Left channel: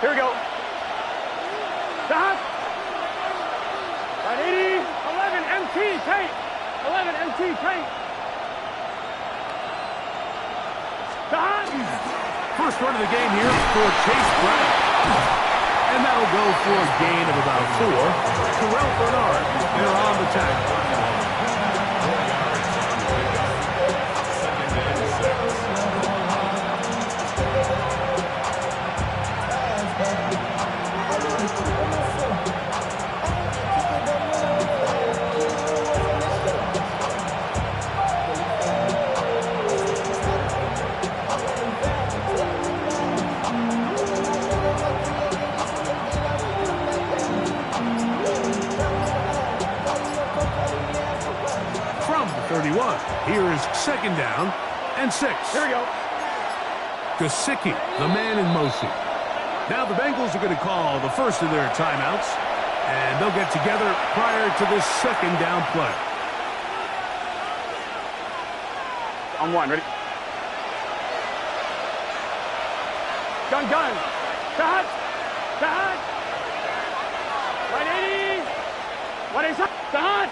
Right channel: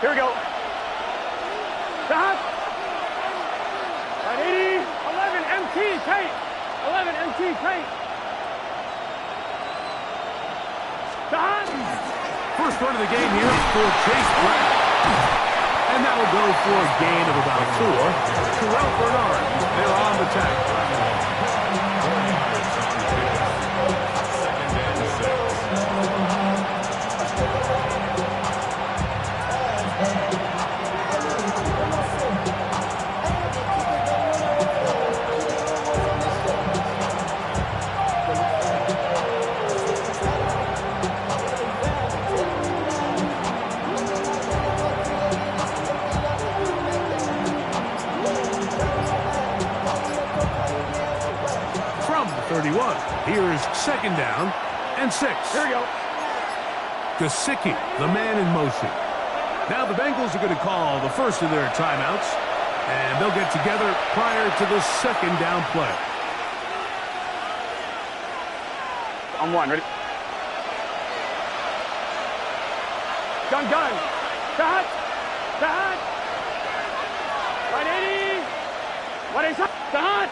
Here we go. Stop. Right 80. 11 MT tight. 11 MT tight. Stop. First run of the game here for Chase Brown. And that'll go for a gain of about 4. Terrell Bernard, they're on the tackle. 4 yards on the pickup. 2nd and 31. Here's 2nd down and 6. Here we go. Gesicki, the man in motion. Now the Bengals are going to call the first of their timeouts, and they'll get together prior to the 2nd down play. On 1, ready? Gun. Start. Right 80. What is up? Start.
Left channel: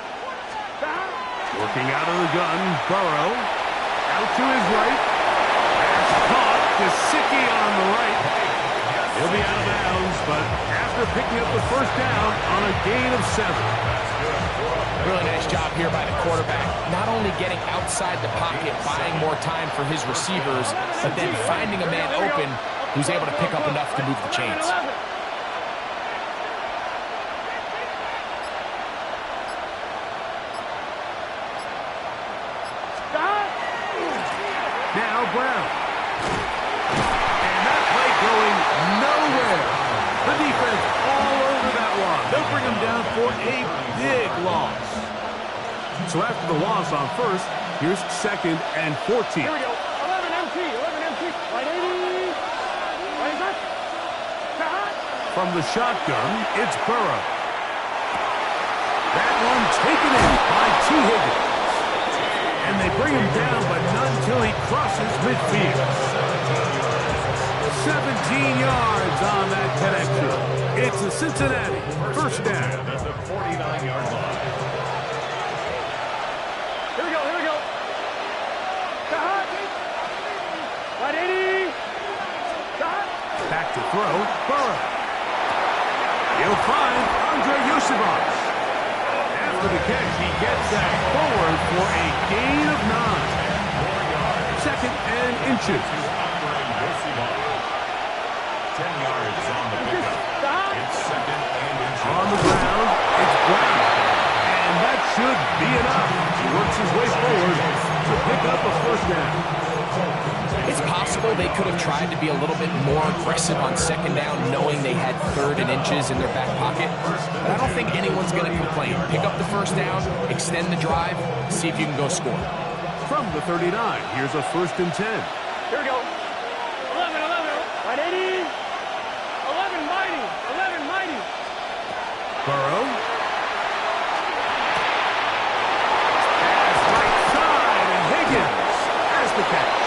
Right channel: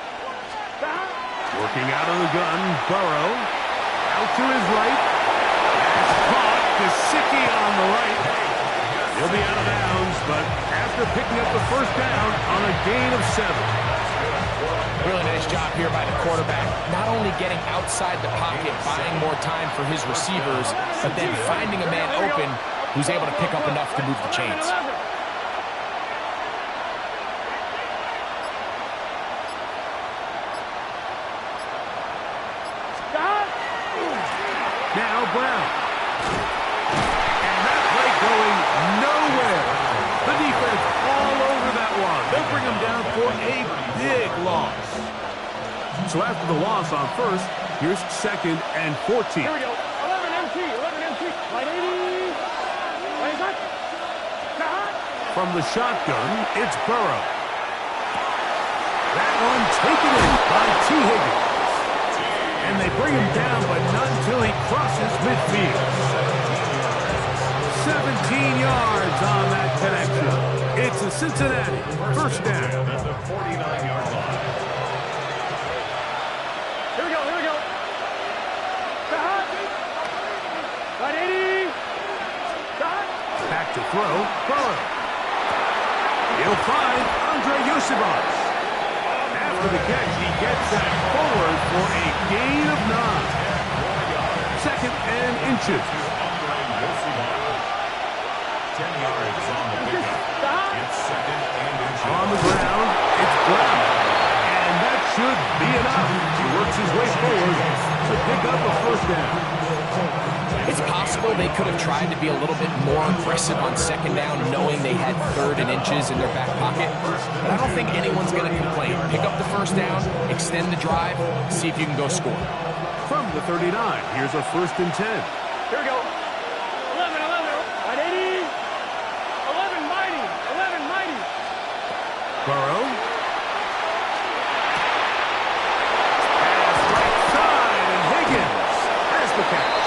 Working out of the gun, Burrow. Out to his right. Pass caught. Gesicki on the right. He'll be out of bounds, but after picking up the first down on a gain of 7. Really nice job here by the quarterback. Not only getting outside the pocket, buying more time for his receivers, but then finding a man open who's able to pick up enough to move the chains. Now Brown. And that play going nowhere. The defense all over that one. They'll bring him down for a big loss. So after the loss on first, here's 2nd and 14. Here we go. 11 MT. Right 80. What is that? From the shotgun, it's Burrow. That one taken in by T. Higgins. And they bring him down, but not until he crosses midfield. 17 yards on that connection. It's a Cincinnati first down. At the 49-yard line. Here we go. Start. Right 80. Start. Back to throw, Burrow. He'll find Andre Yosibas. After the catch, he gets that forward for a gain of 9. 2nd and inches. 10 yards on the pickup. It's 2nd and inches. On the ground, it's Brown. And that should be enough. He works his way forward to pick up a first down. It's possible they could have tried to be a little bit more aggressive on 2nd down, knowing they had 3rd and inches in their back pocket. But I don't think anyone's going to complain. Pick up the first down, extend the drive, see if you can go score. From the 39, here's a 1st and 10. Here we go. 11. Right 80. 11 mighty. Burrow. Pass right side, and Higgins has the catch.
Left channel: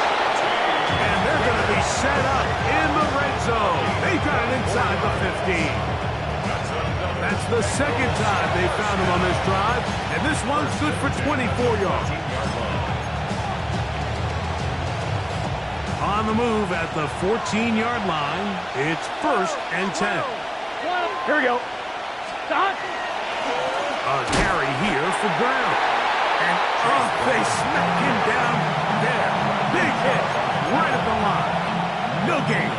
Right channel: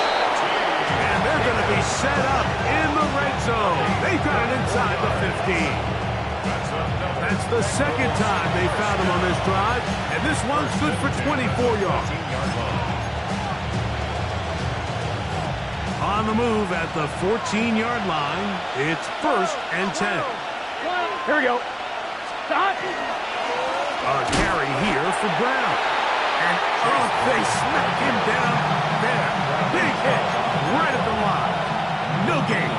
And they're going to be set up in the red zone. They've got it inside the 15. That's the 2nd time they found him on this drive, and this one's good for 24 yards. On the move at the 14-yard line, it's 1st and 10. Here we go. Start. A carry here for Brown. And, they smack him down there. Big hit right at the line. No gain.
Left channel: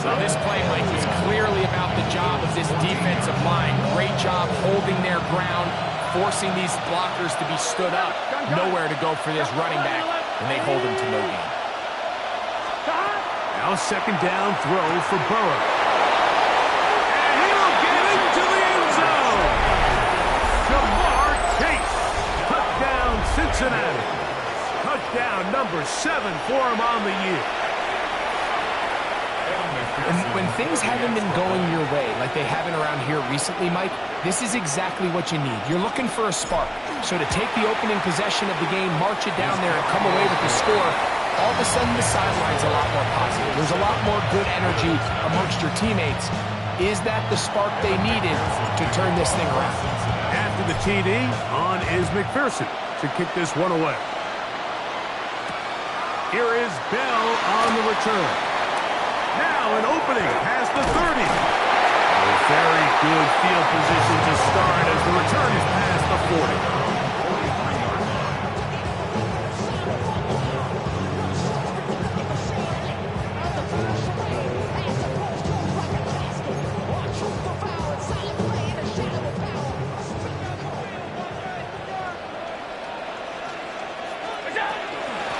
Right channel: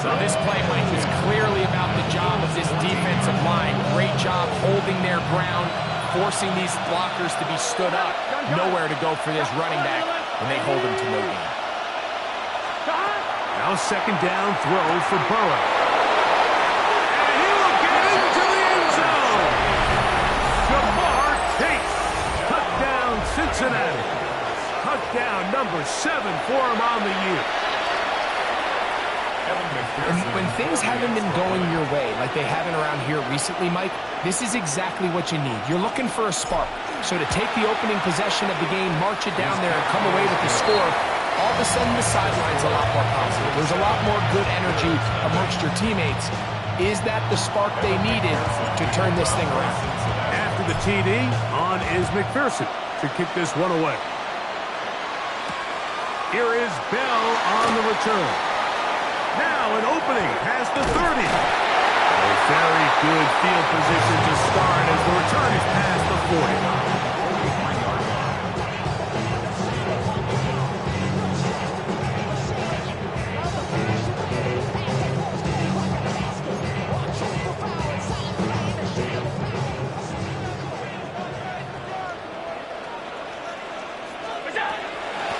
So this play, Mike, was clearly about the job of this defensive line. Great job holding their ground, forcing these blockers to be stood up. Nowhere to go for this running back, and they hold him to no gain. Now 2nd down throw for Burrow. And he will get into the end zone. Jamar Chase. Touchdown, Cincinnati. Touchdown number 7 for him on the year. And when things haven't been going your way like they haven't around here recently, Mike, this is exactly what you need. You're looking for a spark. So to take the opening possession of the game, march it down there, and come away with the score, all of a sudden the sideline's a lot more positive. There's a lot more good energy amongst your teammates. Is that the spark they needed to turn this thing around? After the TD, on is McPherson to kick this one away. Here is Bell on the return. Now an opening past the 30. A very good field position to start as the return is past the 40. 43-yard line.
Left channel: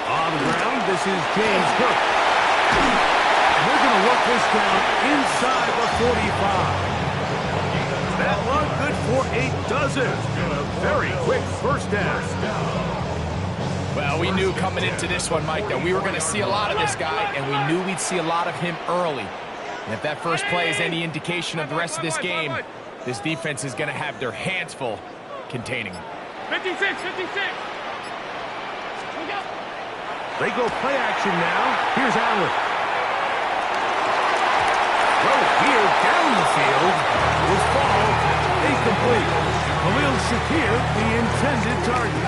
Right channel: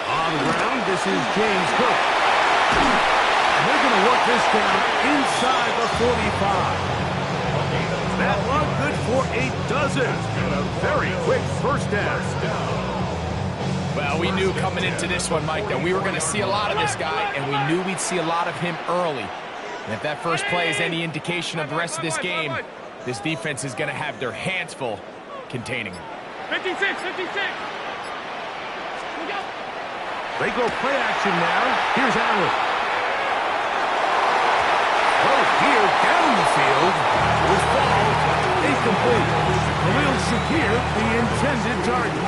On the ground, this is James Cook. And they're going to work this down inside the 45. That one good for a dozen. And a very quick first down. Well, we knew coming into this one, Mike, that we were going to see a lot of this guy, and we knew we'd see a lot of him early. And if that first play is any indication of the rest of this game, this defense is going to have their hands full containing him. 56, 56. Look out. They go play action now. Here's Allen. Well, here down the field will fall incomplete. Khalil Shakir, the intended target.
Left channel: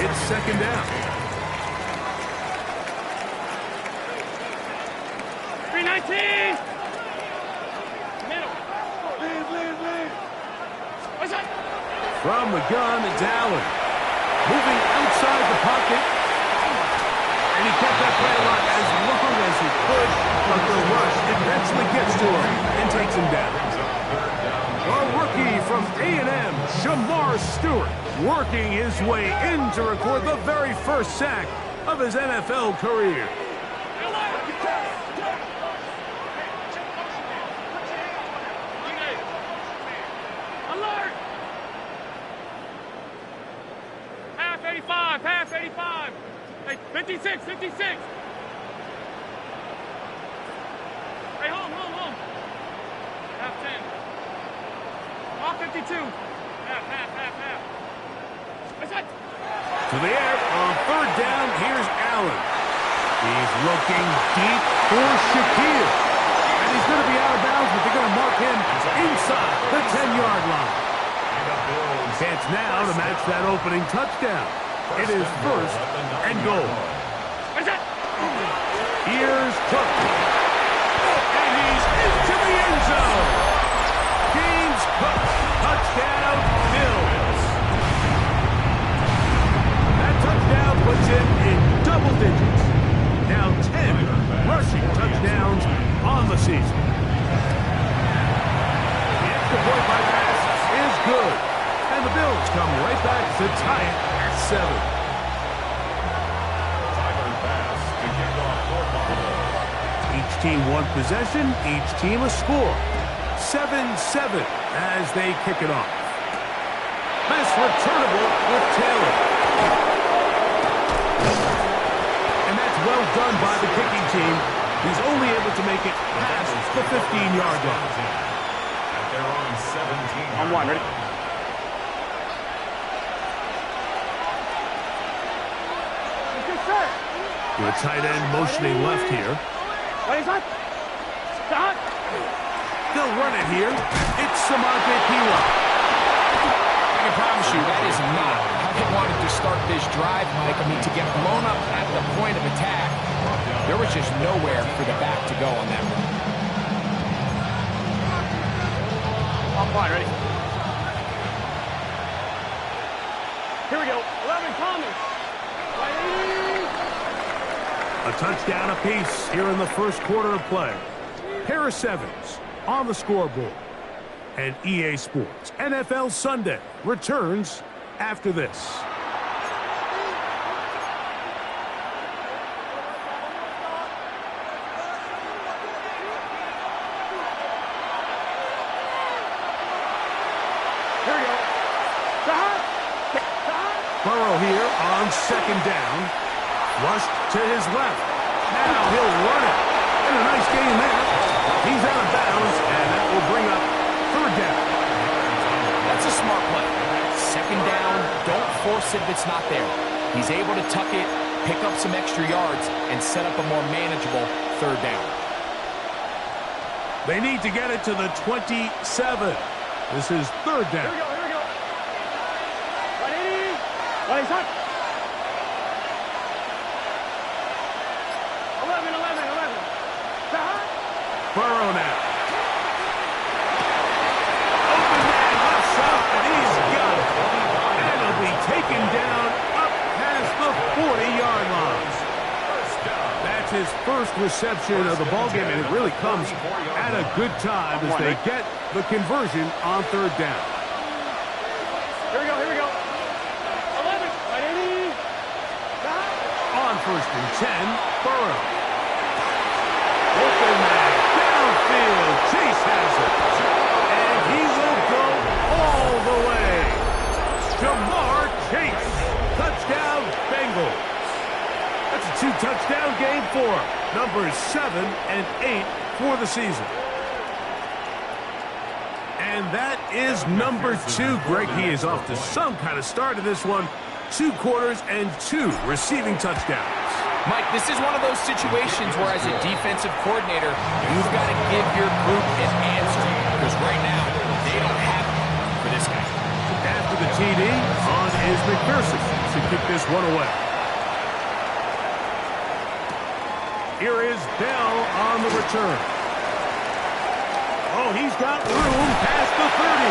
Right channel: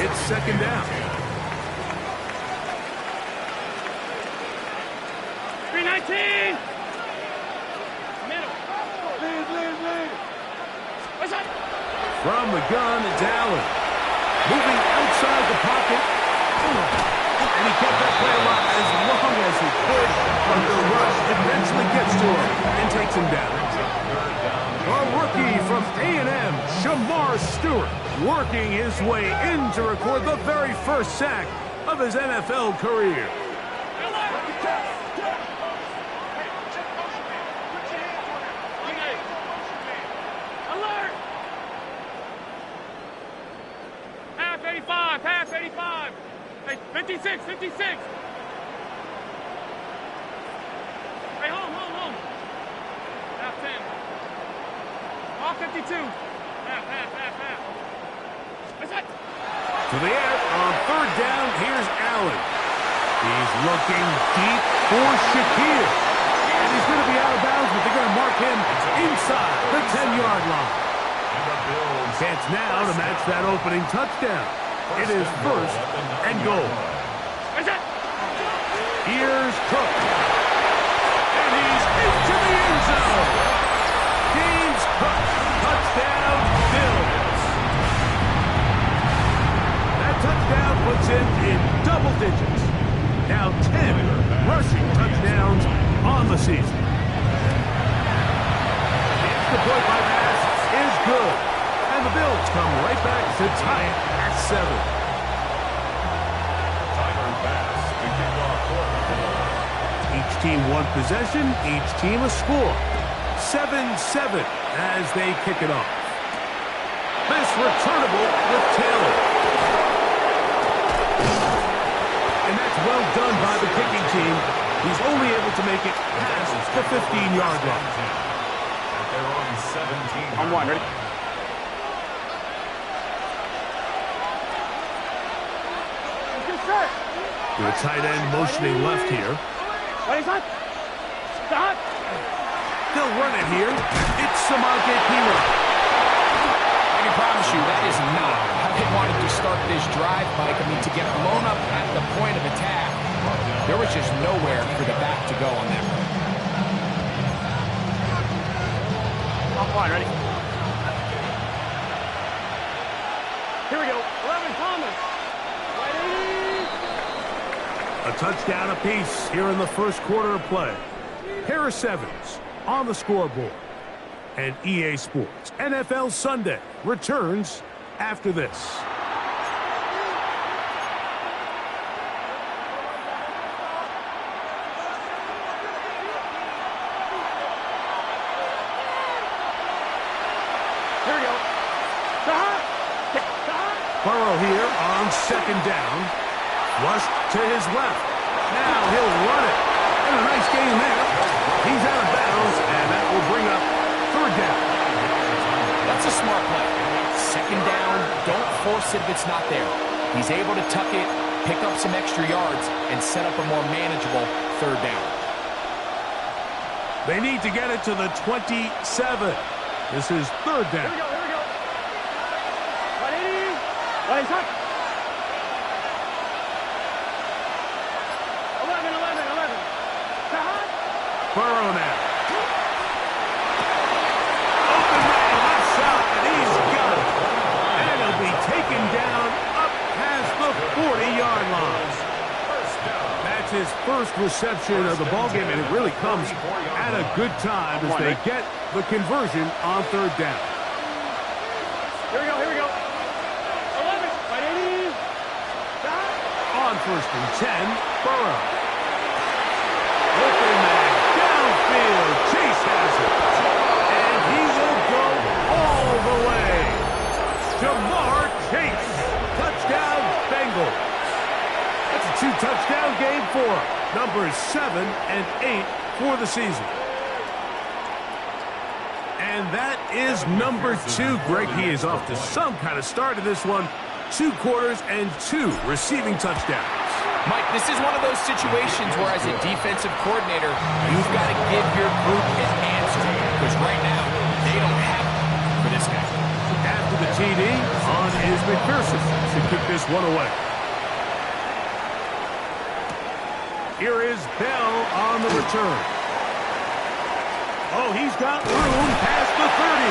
It's second down. 319. Middle. Lead. What's that? From the gun, it's Allen. Moving outside the pocket. And he kept that play alive as long as he could, but the rush eventually gets to him and takes him down. A rookie from A&M, Shamar Stewart, working his way in to record the very first sack of his NFL career. Alert! Half 85, half 85. Hey, 56, 56. Hey, home. Half 10. All 52. Half. What's that? To the air on third down, here's Allen. He's looking deep for Shakir. And he's going to be out of bounds, but they're going to mark him inside the 10-yard line. Chance now to match that opening touchdown. It is first and goal. What's that? Here's Cook. And he's into the end zone. James Cook, touchdown, Bills. That touchdown puts him in double digits. Now 10 rushing touchdowns on the season. The extra point by pass is good. And the Bills come right back to tie it at 7. Tyler Bass to kick off for Buffalo. Each team one possession, each team a score. 7-7 as they kick it off. This returnable with Taylor. And that's well done by the kicking team. He's only able to make it past the 15-yard line. At their own 17. On one, ready? The tight end motioning left here. What is that? Stop. They'll run it here. It's Samaje Perine. I can promise you that is not how they wanted to start this drive, Mike. I mean, to get blown up at the point of attack, there was just nowhere for the back to go on that run. Off line, ready? Here we go. 11, Thomas. Right 80. A touchdown apiece here in the first quarter of play. Harris Evans on the scoreboard. And EA Sports NFL Sunday returns after this. Here we go. Burrow here on second down. Flushed to his left. Now he'll run it. And a nice gain there. He's out of bounds, and that will bring up third down. That's a smart play. Second down, don't force it if it's not there. He's able to tuck it, pick up some extra yards, and set up a more manageable third down. They need to get it to the 27. This is third down. Here we go, here we go. 180. 180. 11, 11, 11. Burrow now. Open man left side. He's got it. And he'll be taken down up past the 40-yard line. That's his first reception of the ballgame, and it really comes at a good time as they get the conversion on third down. Here we go, here we go. 11, 180. On first and 10, Burrow. Open man, downfield, Chase has it. And he will go all the way. Jamar Chase, touchdown Bengals. That's a 2-touchdown game for him. Numbers 7 and 8 for the season. And that is number 2. Greg, he is off to some kind of start in this one. 2 quarters and 2 receiving touchdowns. Mike, this is one of those situations where as a defensive coordinator, you've got to give your group an answer. Because right now, they don't have one for this guy. After the TD, on is McPherson to kick this one away. Here is Bell on the return. Oh, he's got room past the 30.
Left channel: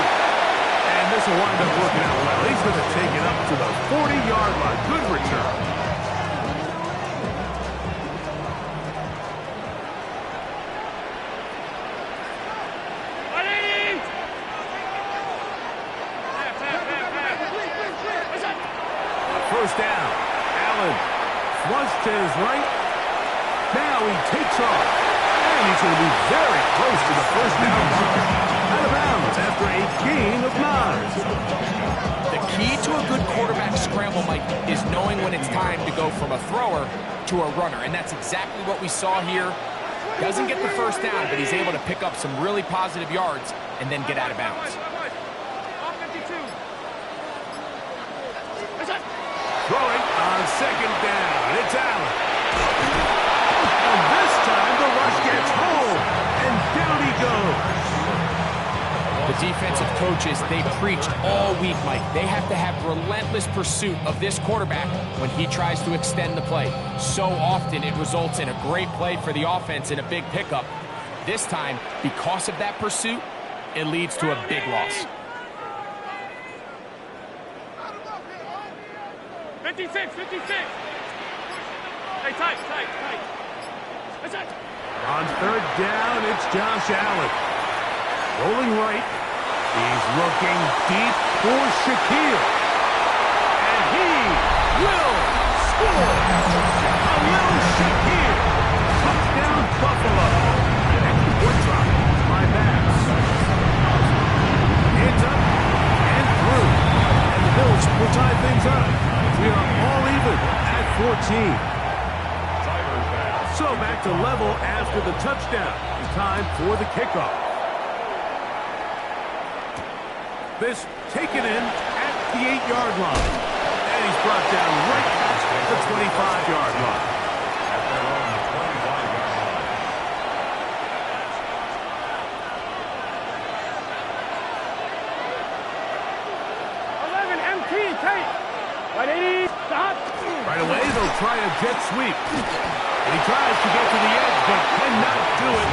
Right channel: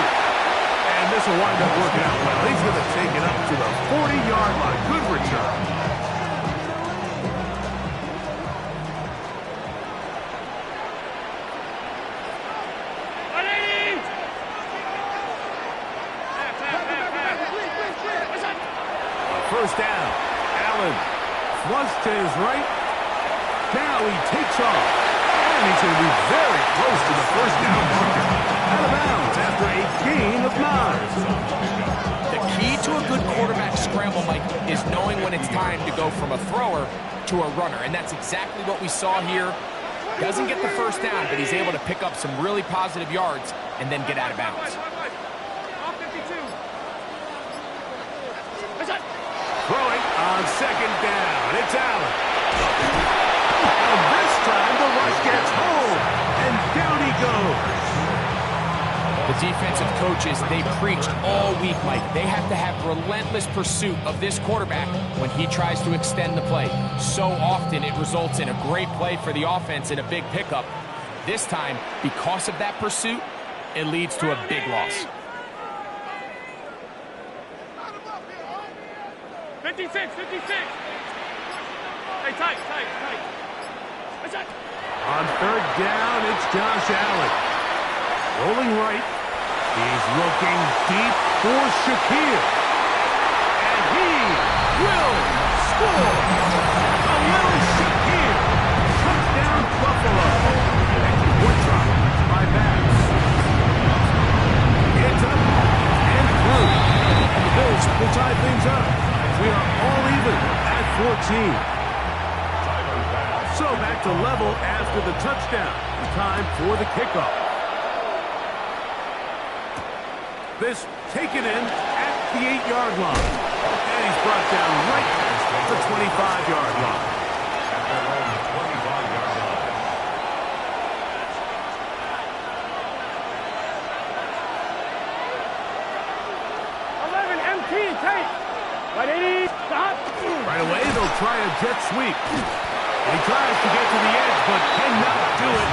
And this will wind up working out well. He's going to take it up to the 40-yard line. Good return. First down. Allen flushed to his right. Now he takes off. And he's going to be very close to the first down marker. Out of bounds after a gain of 9. The key to a good quarterback scramble, Mike, is knowing when it's time to go from a thrower to a runner. And that's exactly what we saw here. Doesn't get the first down, but he's able to pick up some really positive yards and then get out of bounds. Throwing on second down. It's Allen. And this time the rush gets home. And down he goes. The defensive coaches, they preached all week, Mike. They have to have relentless pursuit of this quarterback when he tries to extend the play. So often it results in a great play for the offense and a big pickup. This time, because of that pursuit, it leads to a big loss. 56, 56. Hey, tight. On third down, it's Josh Allen. Rolling right. He's looking deep for Shaquille. And he will score. A little Shaquille. Touchdown, Buffalo. Extra point drop by Bass. It's up and through. And the Bills will tie things up. We are all even at 14. So back to level after the touchdown. Time for the kickoff. This taken in at the 8-yard line. And he's brought down right at the 25-yard line. At their own 25-yard line. 11 MT, tight. 180, stop. Right away, they'll try a jet sweep. And he tries to get to the edge, but cannot do it.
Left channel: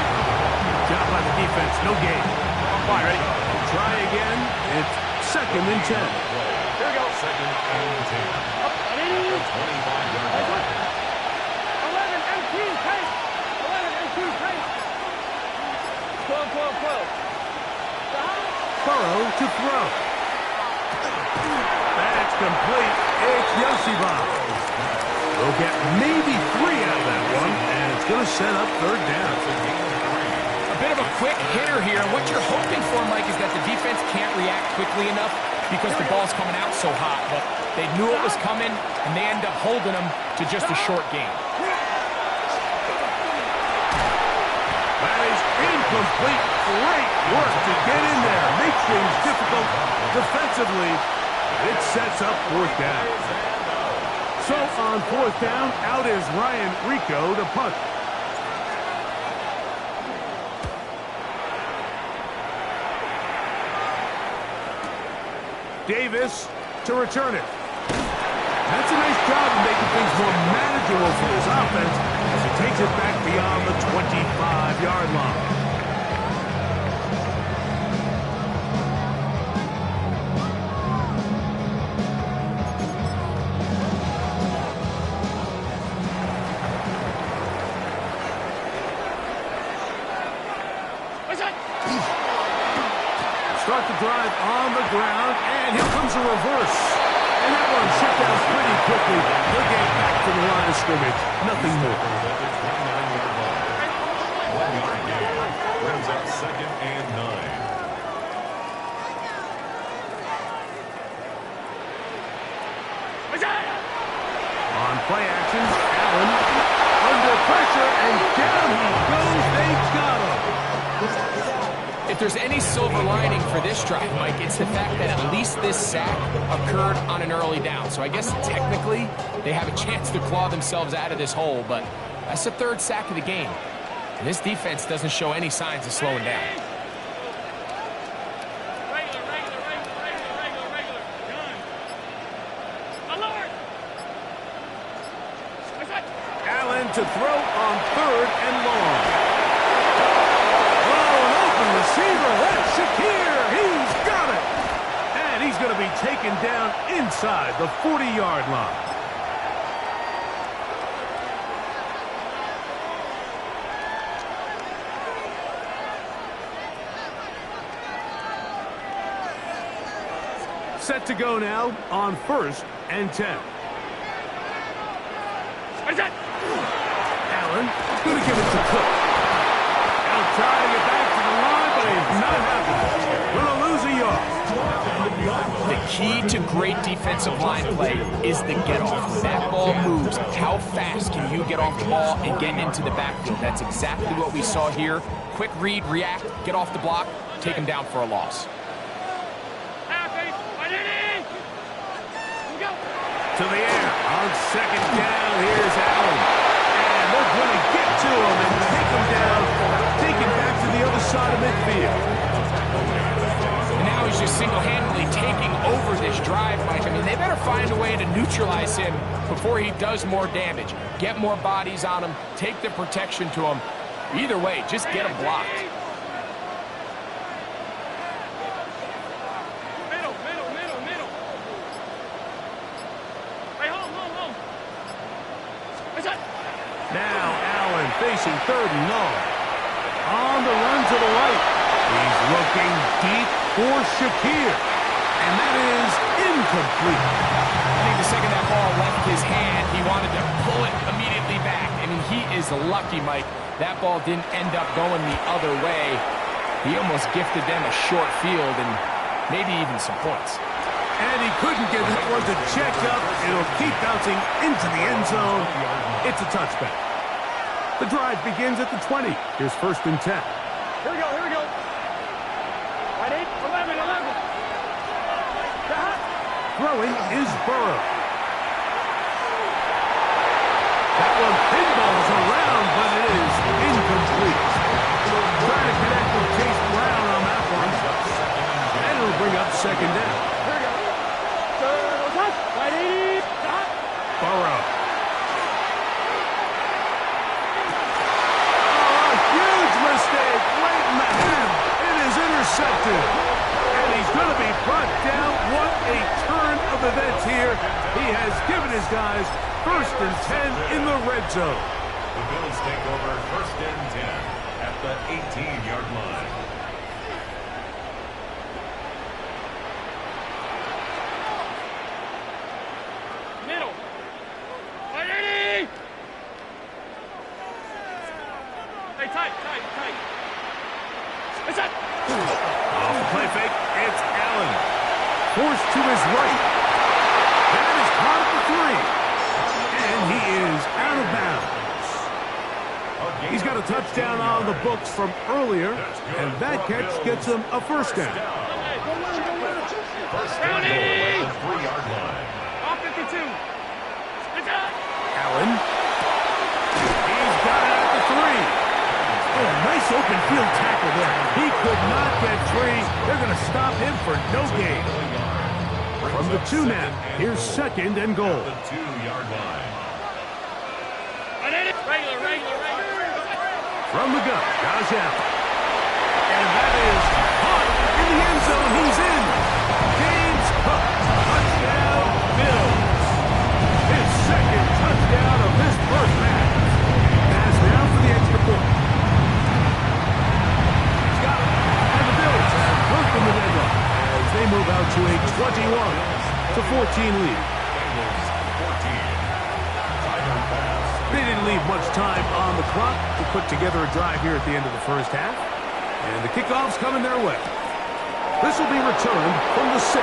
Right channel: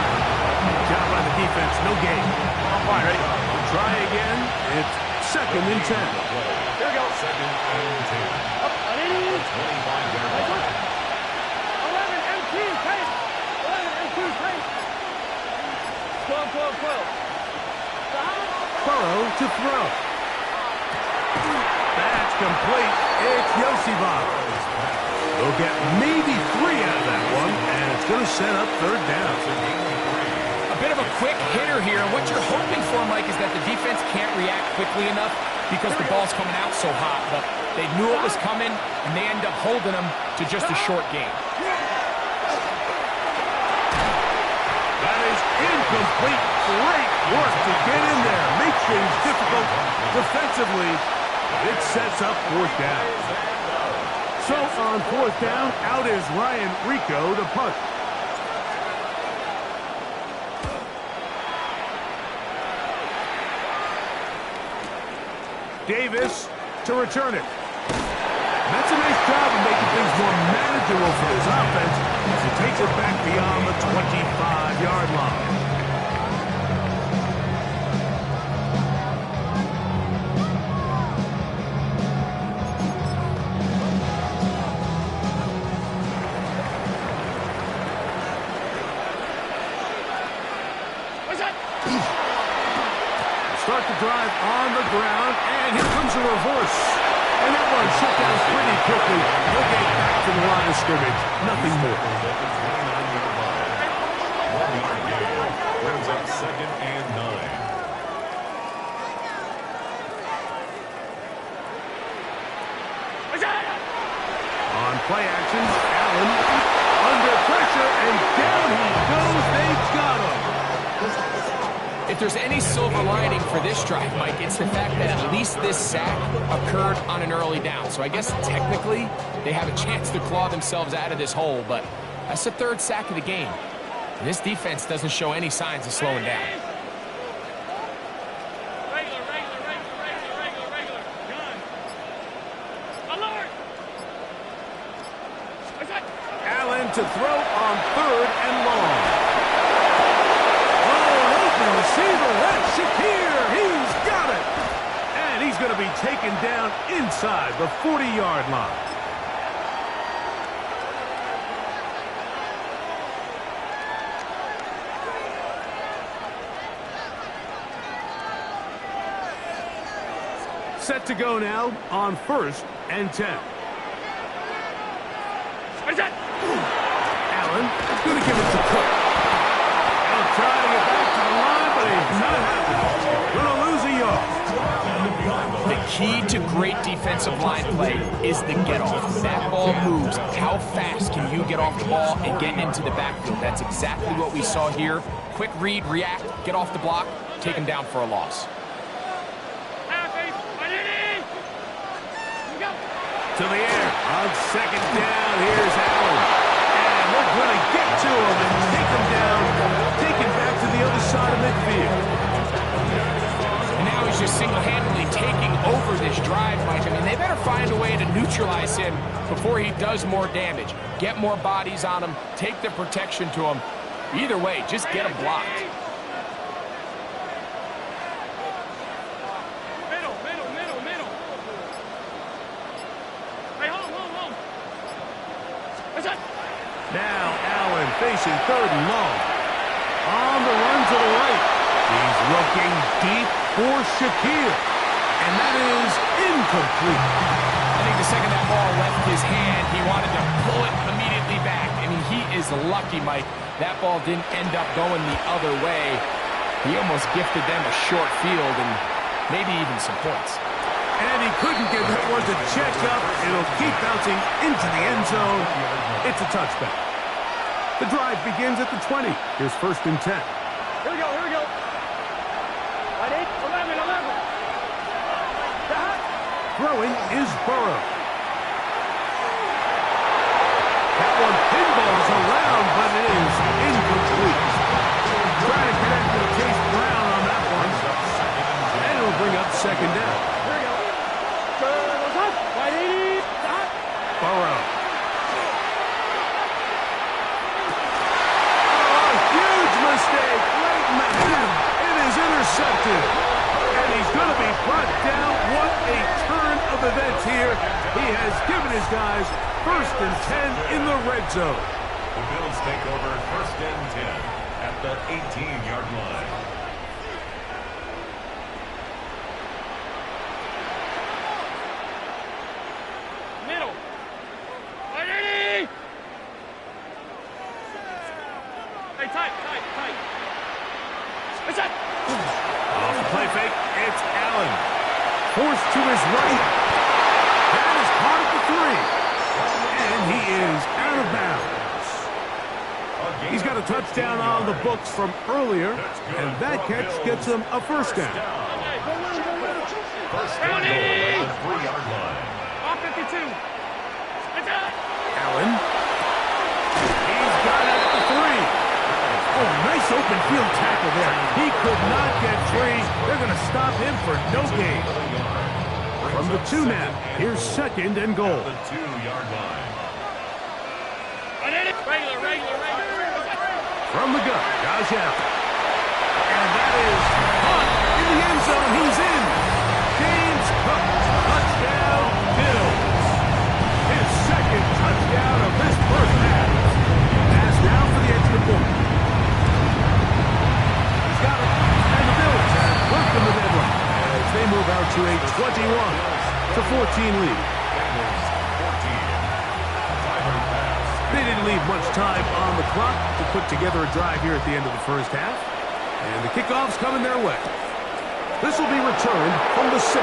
Job by the defense, no gain. Fine, ready? Try again. It's second and 10. Here we go. Second and 10. Up, 180. 25-yard line. 11 MT, tight. 11 MT, tight. 12, 12, 12. Stop. Burrow to throw. That's complete. It's Yosibov. They'll get maybe 3 out of that one, and it's going to set up third down. A bit of a quick hitter here, and what you're hoping for, Mike, is that the defense can't react quickly enough because the ball's coming out so hot. But they knew it was coming, and they end up holding them to just a short gain. That is incomplete. Great work to get in there. Make things difficult defensively. It sets up fourth down. So on fourth down, out is Ryan Rico to punt. Davis to return it. That's a nice job of making things more manageable for this offense as he takes it back beyond the 25-yard line. Start the drive on the ground, and here comes a reverse. And that one shut down pretty quickly. He'll get back to the line of scrimmage. Nothing more. At the 29-yard line. 1-yard gain. Brings up 2nd and 9. On play action, Allen under pressure, and down he goes. They've got him. If there's any silver lining for this drive, Mike, it's the fact that at least this sack occurred on an early down. So I guess technically they have a chance to claw themselves out of this hole, but that's the 3rd sack of the game. And this defense doesn't show any signs of slowing down. Regular. Gun. Alert! Allen to throw on 3rd and long. Receiver, that's Shakir. He's got it. And he's going to be taken down inside the 40-yard line. Set to go now on 1st and 10. Allen going to give it to Cook. They'll try to get back to the line, but it's not happening. Going to lose a yard. The key to great defensive line play is the get-off. When that ball moves, how fast can you get off the ball and get into the backfield? That's exactly what we saw here. Quick read, react, get off the block, take him down for a loss. To the air on 2nd down. Here's Allen. And they're going to get to him and take him down, take him back to the other side of midfield. And now he's just single-handedly taking over this drive, Mike. I mean, they better find a way to neutralize him before he does more damage. Get more bodies on him, take the protection to him. Either way, just get him blocked. Middle. Hey, home. What's that? Now Allen facing 3rd and long. On the run to the right. He's looking deep for Shakir. And that is incomplete. I think the second that ball left his hand, he wanted to pull it immediately back. I mean, he is lucky, Mike. That ball didn't end up going the other way. He almost gifted them a short field and maybe even some points. And he couldn't get that one to check up. It'll keep bouncing into the end zone. It's a touchback. The drive begins at the 20. Here's 1st and 10. Here we go. Right, 8, 11. Throwing is Burrow. That one pinballs around, but it is incomplete. Trying to connect with Chase Brown on that one. And it'll bring up 2nd down. Here we go. Right, 80. Burrow. Oh, a huge mistake late in the half. It is intercepted. And he's going to be brought down. What a turn of events here. He has given his guys 1st and 10 in the red zone. The Bills take over 1st and 10 at the 18-yard line. Middle. Right, 80. Hey, tight. What's that? Off the play fake, it's Allen. Forced to his right. That is caught at the 3. And he is out of bounds. He's got a touchdown on the books from earlier, and that catch gets him a 1st down. First down at the 3-yard line. Off 52. Allen. He's got it at the 3. Oh, nice open field tackle there. He could not get free. They're going to stop him for no gain. From the 2 now, here's 2nd and goal. The 2-yard line. Regular. From the gun, Josh Allen. And that is caught in the end zone. He's in. James Cook, touchdown, Bills. His 2nd touchdown of this first half. Pass now for the extra point. He's got it. And the Bills have broken the deadlock as they move out to a 21-14 lead. Bengals 14. Driver pass. They didn't leave much time on the clock to put together a drive here at the end of the first half. And the kickoff's coming their way. This will be returned from the 6. A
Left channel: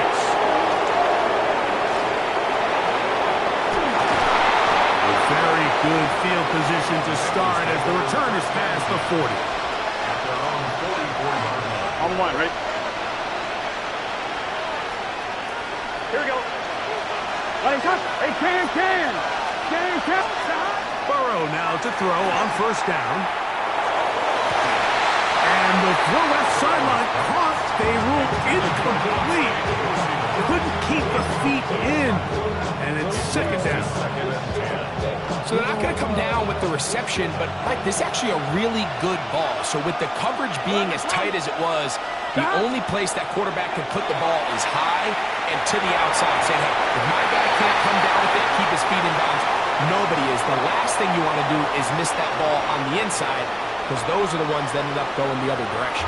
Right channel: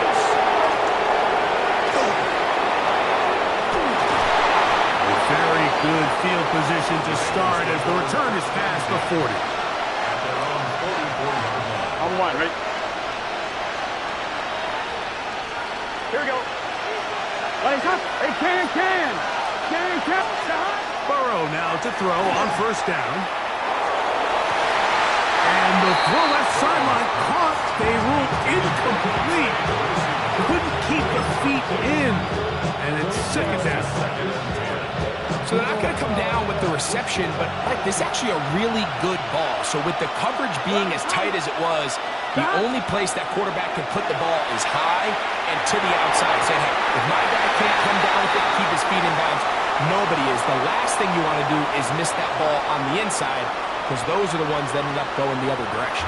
very good field position to start as the return is past the 40. At their own 44-yard line. On 1, right? Here we go. Let him come. Hey, can. Burrow now to throw on first down. And the throw left sideline caught. They ruled incomplete. Couldn't keep the feet in. And it's 2nd down. So they're not going to come down with the reception, but Mike, this is actually a really good ball. So with the coverage being as tight as it was, the only place that quarterback can put the ball is high and to the outside, saying, hey, if my guy can't come down with it and keep his feet in bounds, nobody is. The last thing you want to do is miss that ball on the inside, because those are the ones that ended up going the other direction.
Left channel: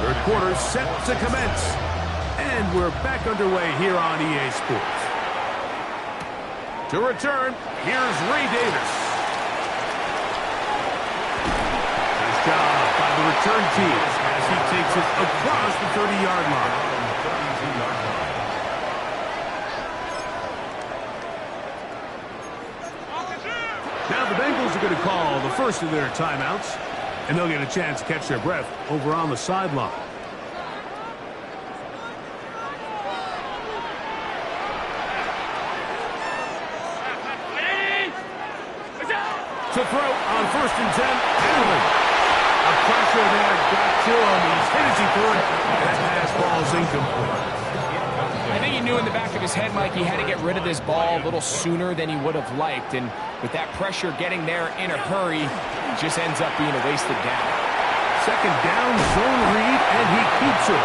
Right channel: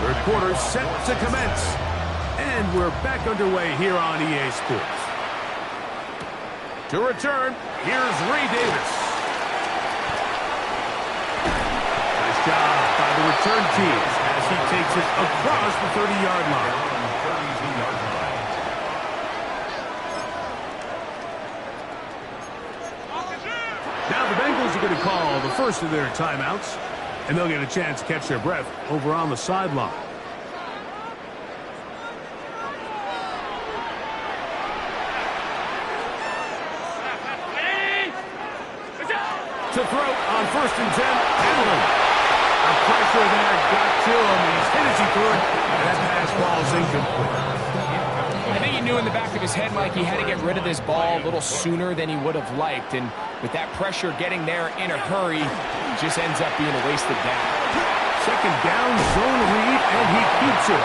Third quarter set to commence. And we're back underway here on EA Sports. To return, here's Ray Davis. Nice job by the return team as he takes it across the 30-yard line. 32-yard line. Now the Bengals are going to call the first of their timeouts, and they'll get a chance to catch their breath over on the sideline. To throw on 1st and 10, Allen. The pressure there got to him. He's hit as he threw it, and that pass falls incomplete. I think he knew in the back of his head, Mike, he had to get rid of this ball a little sooner than he would have liked. And with that pressure getting there in a hurry, it just ends up being a wasted down. 2nd down, zone read, and he keeps it.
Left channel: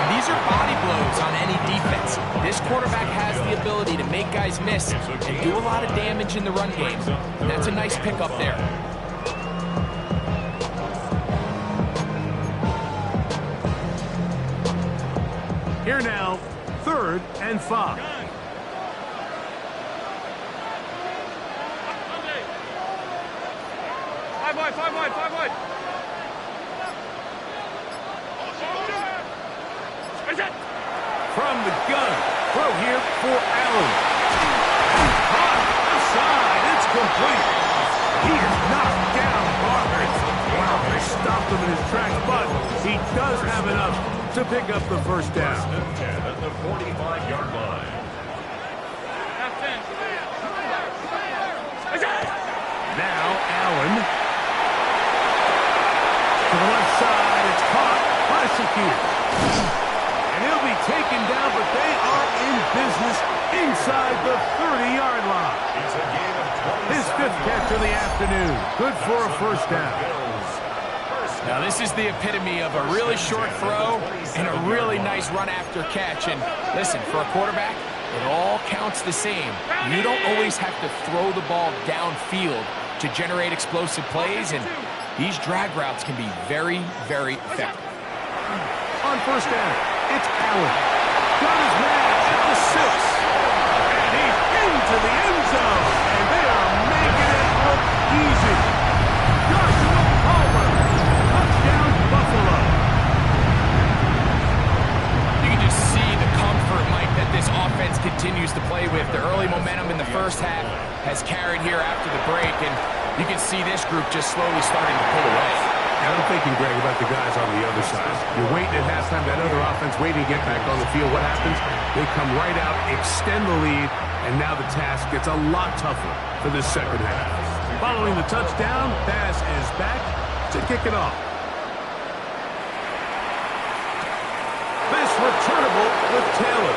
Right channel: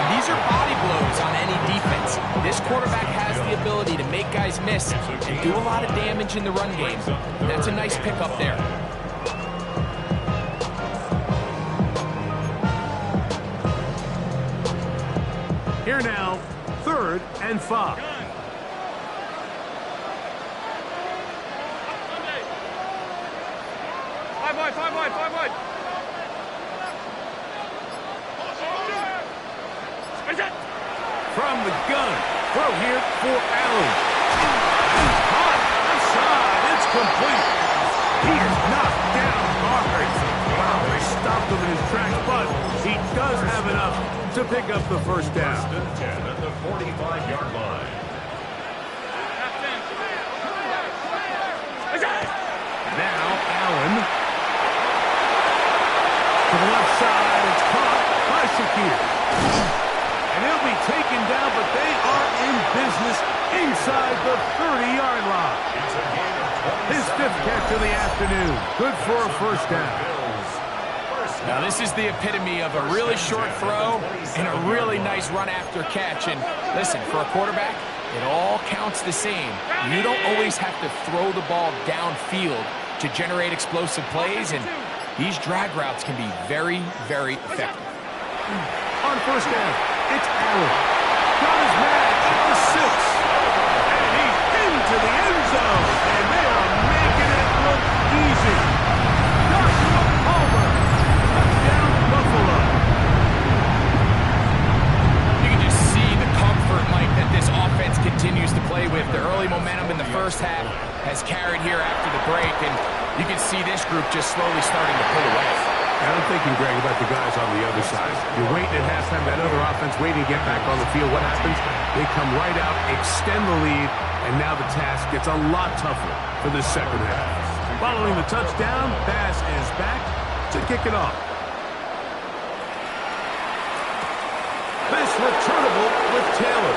And these are body blows on any defense. This quarterback has the ability to make guys miss and do a lot of damage in the run game. And that's a nice pickup there. Here now, 3rd and 5. 5 wide. From the gun, throw here for Allen. And caught outside. It's complete. He is knocked down hard. Wow, they stopped him in his tracks, but he does have enough to pick up the first down. 10 at the 45-yard line. Now Allen. To the left side, it's caught by Shakir. And he'll be taken down, but they are in business inside the 30-yard line. It's a gain of 27 His 5th catch of the afternoon. Good for a first down. Now this is the epitome of a really short throw and a really nice run after catch. And listen, for a quarterback, it all counts the same. You don't always have to throw the ball downfield to generate explosive plays, and these drag routes can be very, very effective. On first down, it's Allen. Got his man at the 6. And he's into the end zone. And they are making it look easy. Joshua Palmer. Touchdown, Buffalo. You can just see the comfort, Mike, that this offense continues to play with. The early momentum in the first half has carried here after the break, and you can see this group just slowly starting to pull away. And I'm thinking, Greg, about the guys on the other side. You're waiting at halftime, that other offense waiting to get back on the field. What happens? They come right out, extend the lead, and now the task gets a lot tougher for this second half. Following the touchdown, Bass is back to kick it off. This returnable with Taylor.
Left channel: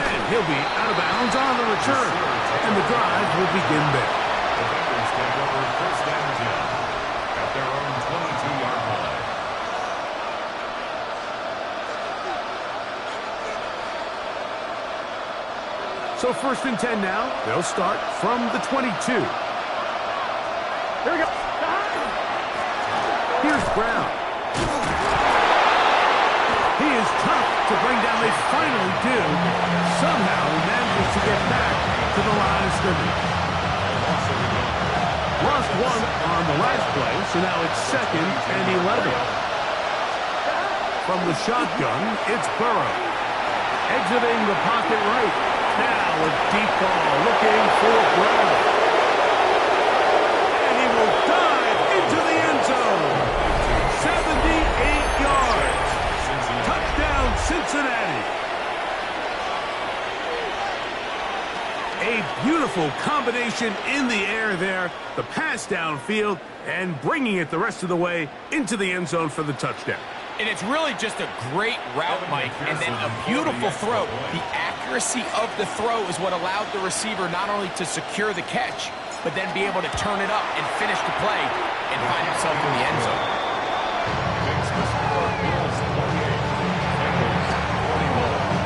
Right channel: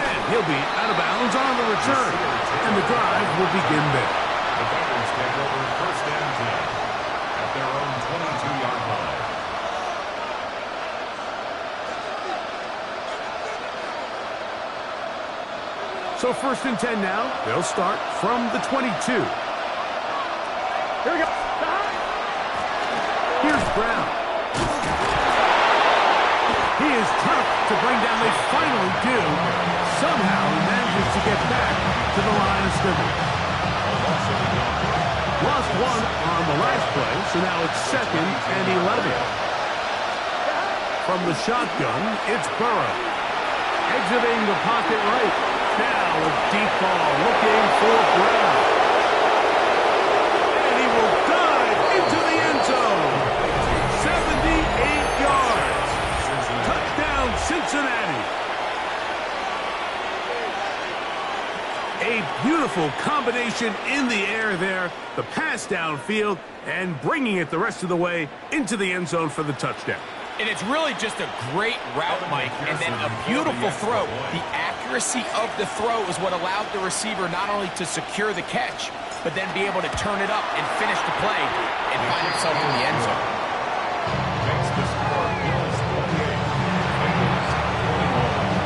And he'll be out of bounds on the return. And the drive will begin there. The Bengals take over first and 10 at their own 22-yard line. So first and 10 now. They'll start from the 22. Here we go. Here's Brown. He is tough to bring down. They finally do. Somehow he manages to get back to the line of scrimmage. Lost one on the last play, so now it's second and 11. From the shotgun, it's Burrow. Exiting the pocket right. Now a deep ball looking for Brown. And he will dive into the end zone. 78 yards. Touchdown, Cincinnati. A beautiful combination in the air there. The pass downfield and bringing it the rest of the way into the end zone for the touchdown. And it's really just a great route, Mike, and then a beautiful throw. The accuracy of the throw is what allowed the receiver not only to secure the catch, but then be able to turn it up and finish the play and find himself in the end zone. Makes the score Bills 28, Bengals 21.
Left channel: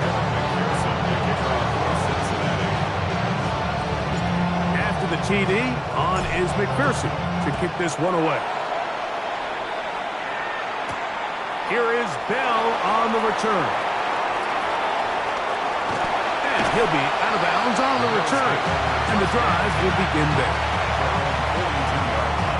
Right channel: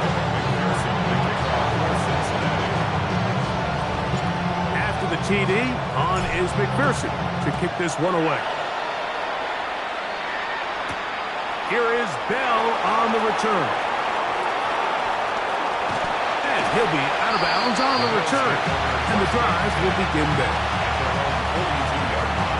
Evan McPherson to kick off for Cincinnati. After the TD, on is McPherson to kick this one away. Here is Bell on the return. And he'll be out of bounds on the return. And the drive will begin there. At their own 42-yard line.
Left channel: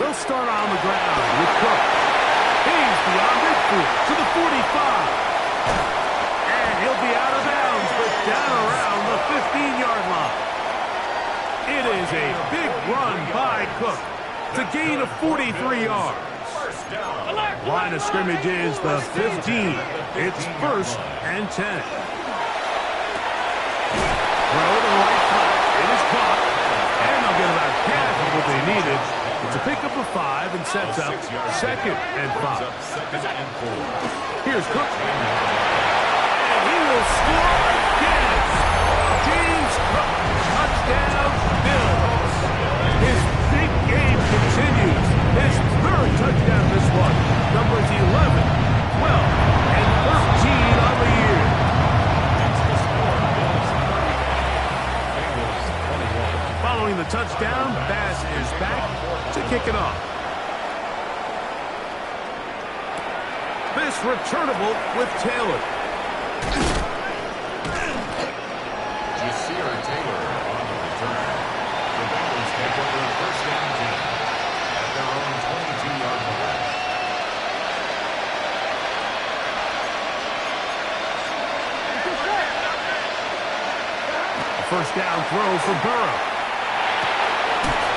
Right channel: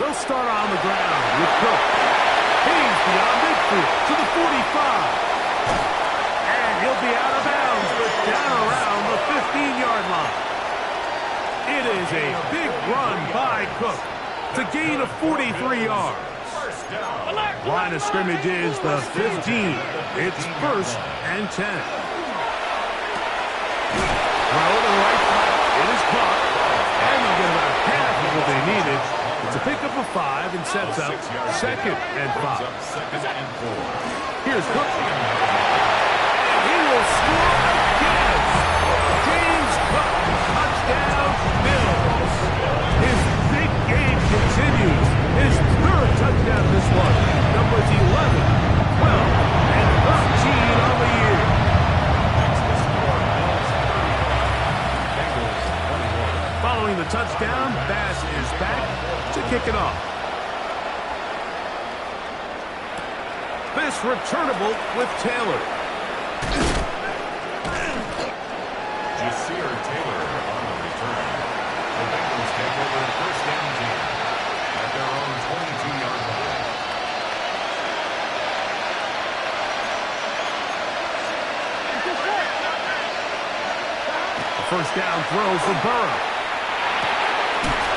They'll start on the ground with Cook. He's beyond midfield to the 45. And he'll be out of bounds, but down around the 15-yard line. It is a big run by Cook to gain of 43 yards. First down. Line of scrimmage is the 15. It's first and 10. Throw to the right flat. It is caught. And they'll get about half of what they needed. It's a pickup of 5 and sets up second and 5. Second and 4. Here's Cook. And he will score again. James Cook. Touchdown, Bills. His big game continues. His third touchdown this one. Numbers 11, 12, and 13 on the year. Makes the score Bills 35, Bengals 21. Following the touchdown, Bass is back to kick it off. This returnable with Taylor. Jasir Taylor on the return. The Bengals take over first and 10 at their own 22-yard line. A first down throw for Burrow.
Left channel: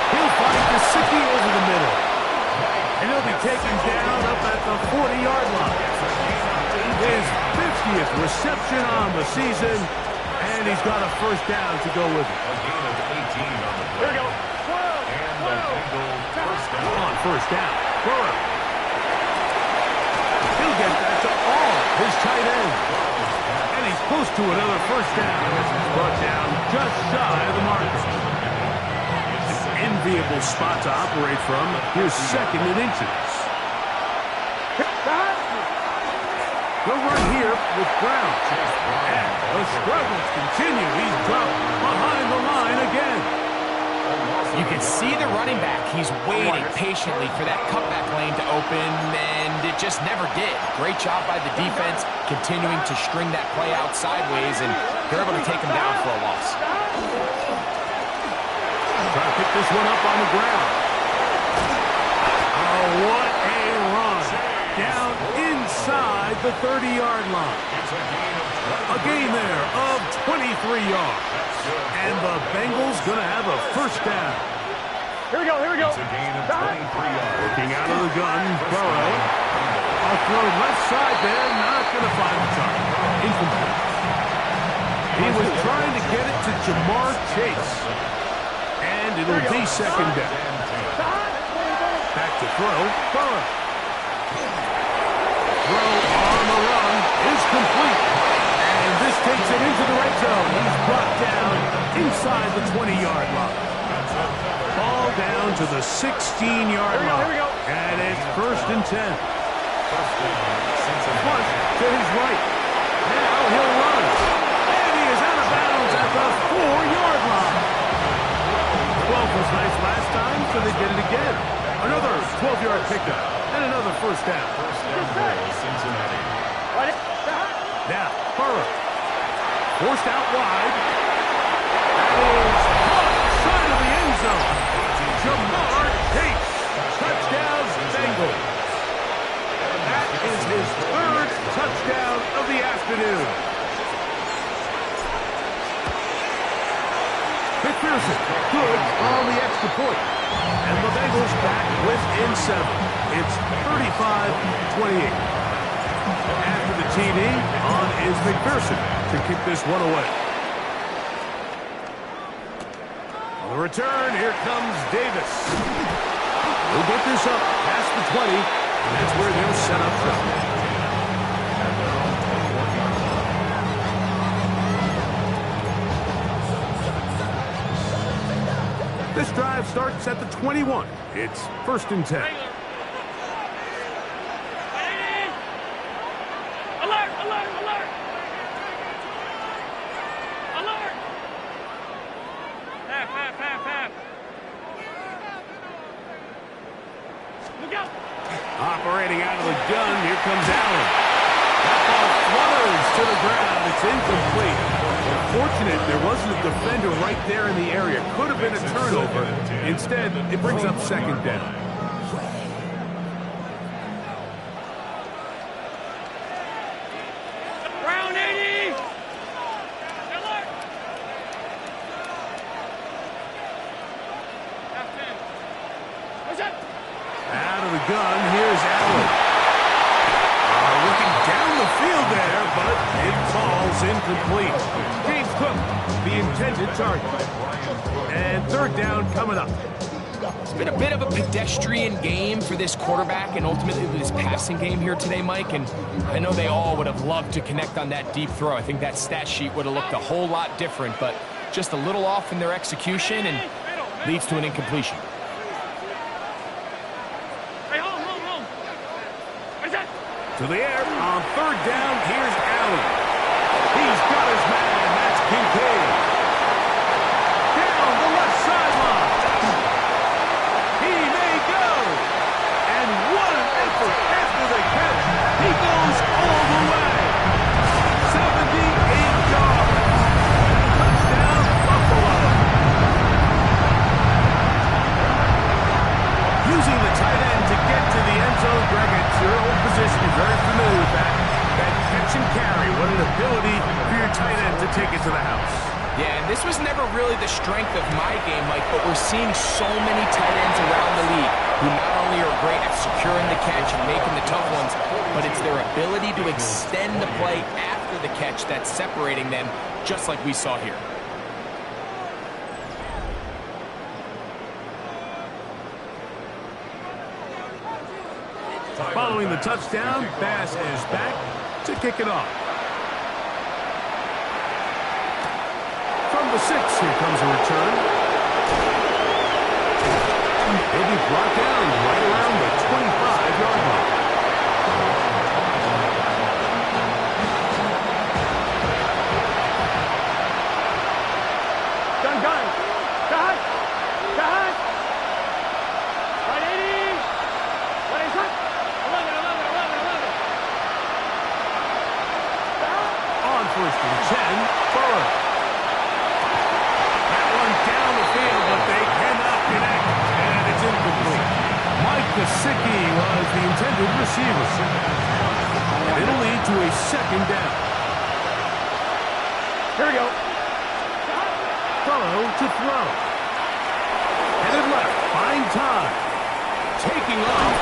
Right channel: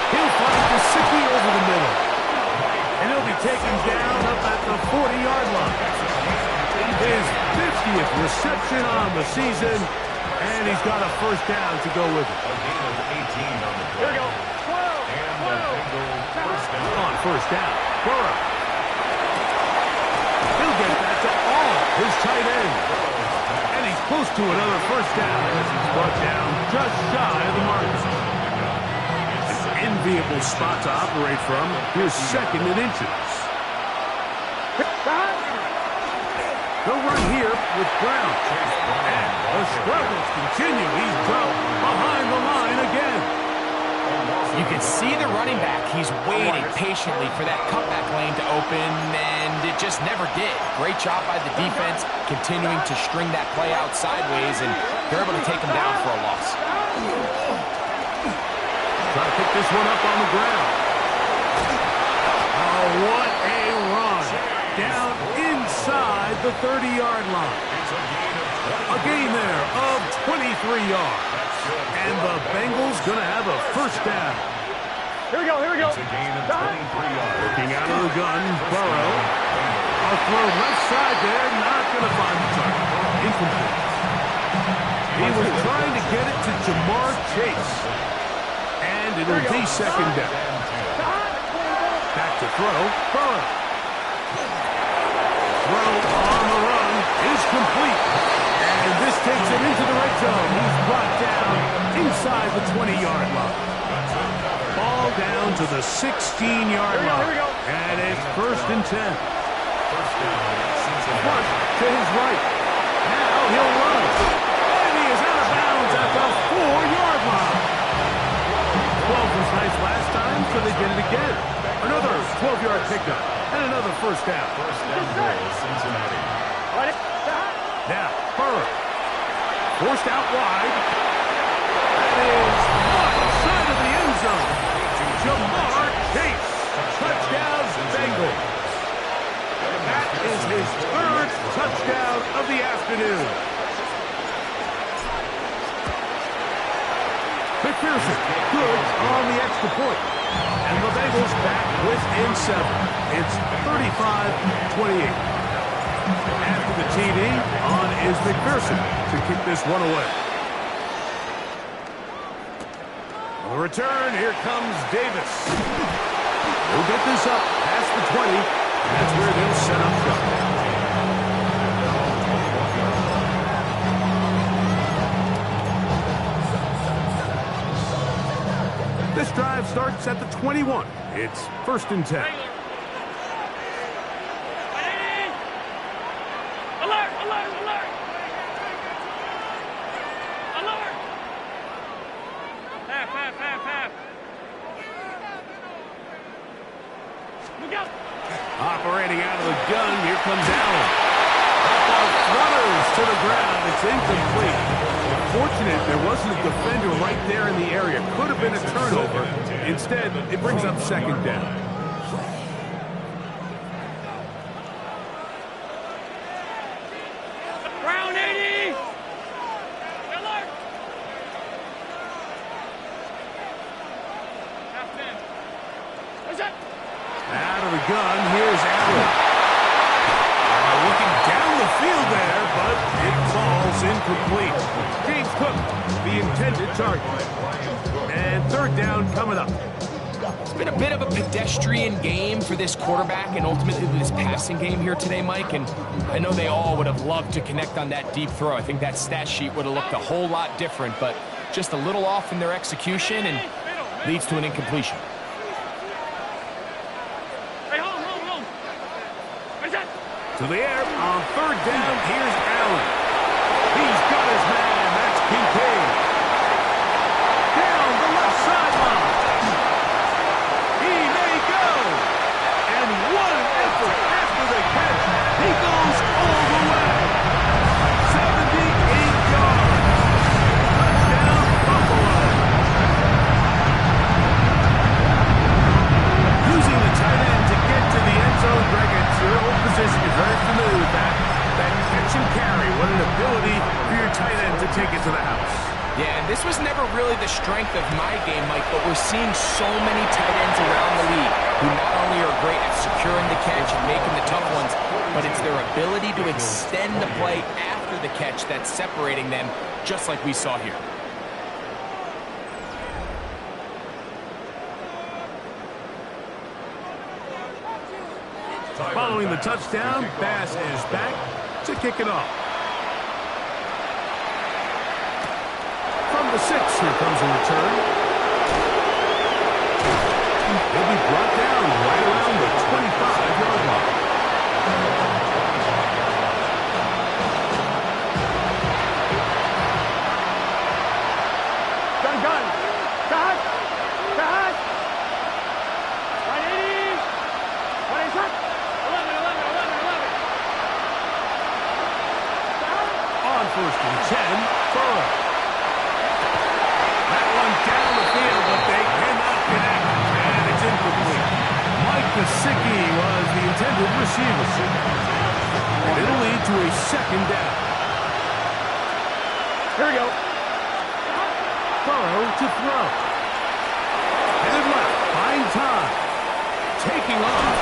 He'll find Gesicki over the middle. And he'll be taken down up at the 40-yard line. His 50th reception on the season, and he's got a first down to go with it. A gain of 18 on the play. Here we go. 12. And the Bengals first down. On first down, Burrow. He'll get that to all his tight end. And he's close to another first down as he's brought down just shy of the marker. Enviable spot to operate from. Here's second and inches. They'll run here with Brown. And the struggles continue. He's dropped behind the line again. A loss of You can see the running back. He's waiting patiently for that cutback lane to open, and it just never did. Great job by the defense, continuing to string that play out sideways, and they're able to take him down for a loss. Trying to pick this one up on the ground. Oh, what a run. Down inside the 30-yard line. A gain there of 23 yards. And the Bengals going to have a first down. Here we go, here we go. It's a gain of 23 yards. Looking out of the gun, Burrow. A throw left side there, not going to find the target. Incomplete. He was trying to get it to Jamar Chase. And it'll be second down. Back to throw, Burrow. Throw on the run is complete. And this takes it into the red zone. He's brought down inside the 20-yard line. Ball down to the 16-yard line. And it's first and 10. First down, Cincinnati. Flush to his right. Now he'll run. And he is out of bounds at the 4-yard line. 12 was nice last time, so they did it again. Another 12-yard pickup and another first down. First down goal, Cincinnati. Now, Burrow. Forced out wide. That is caught side of the end zone. Jamar Chase. Touchdown, Bengals. That is his third touchdown of the afternoon. McPherson, good on the extra point. And the Bengals back within 7. It's 35-28. After the TD, on is McPherson to kick this one away. On the return, here comes Davis. He'll get this up past the 20, and that's where they'll set up shop. At their own 21-yard line. This drive starts at the 21. It's first and 10. Alert, alert, alert. Alert. Half. Look out. Operating out of the gun, here comes Allen. That ball flutters to the ground. It's incomplete. Fortunate there wasn't a defender right there in the area. Could have been a turnover. Instead, it brings up second down. Brown 80. Alert. Half 10. What's up? Out of the gun, here's Allen. Looking down the field there, but it falls incomplete. James Cook, the intended target. And third down coming up. It's been a bit of a pedestrian game for this quarterback and ultimately this passing game here today, Mike. And I know they all would have loved to connect on that deep throw. I think that stat sheet would have looked a whole lot different, but just a little off in their execution and leads to an incompletion. To the air on third down, here's Allen. He's got his man, that's Kincaid. Down the left sideline. He may go. And what an effort after the catch. He goes all the way. 78 yards. Touchdown, Buffalo. Using the tight end to get to the end zone, Greg, it's your old position. You're very familiar with that. That catch and carry. What an ability for your tight end to take it to the house. Yeah, and this was never really the strength of my game, Mike, but we're seeing so many tight ends around the league who not only are great at securing the catch and making the tough ones, but it's their ability to extend the play after the catch that's separating them, just like we saw here. Following the touchdown, Bass is back to kick it off. From the 6, here comes a return. He'll be brought down right around the 25-yard line. Gun. God. Gesicki was the intended receiver. And it'll lead to a second down. Here we go. Burrow to throw. Headed left, buying time. Taking off.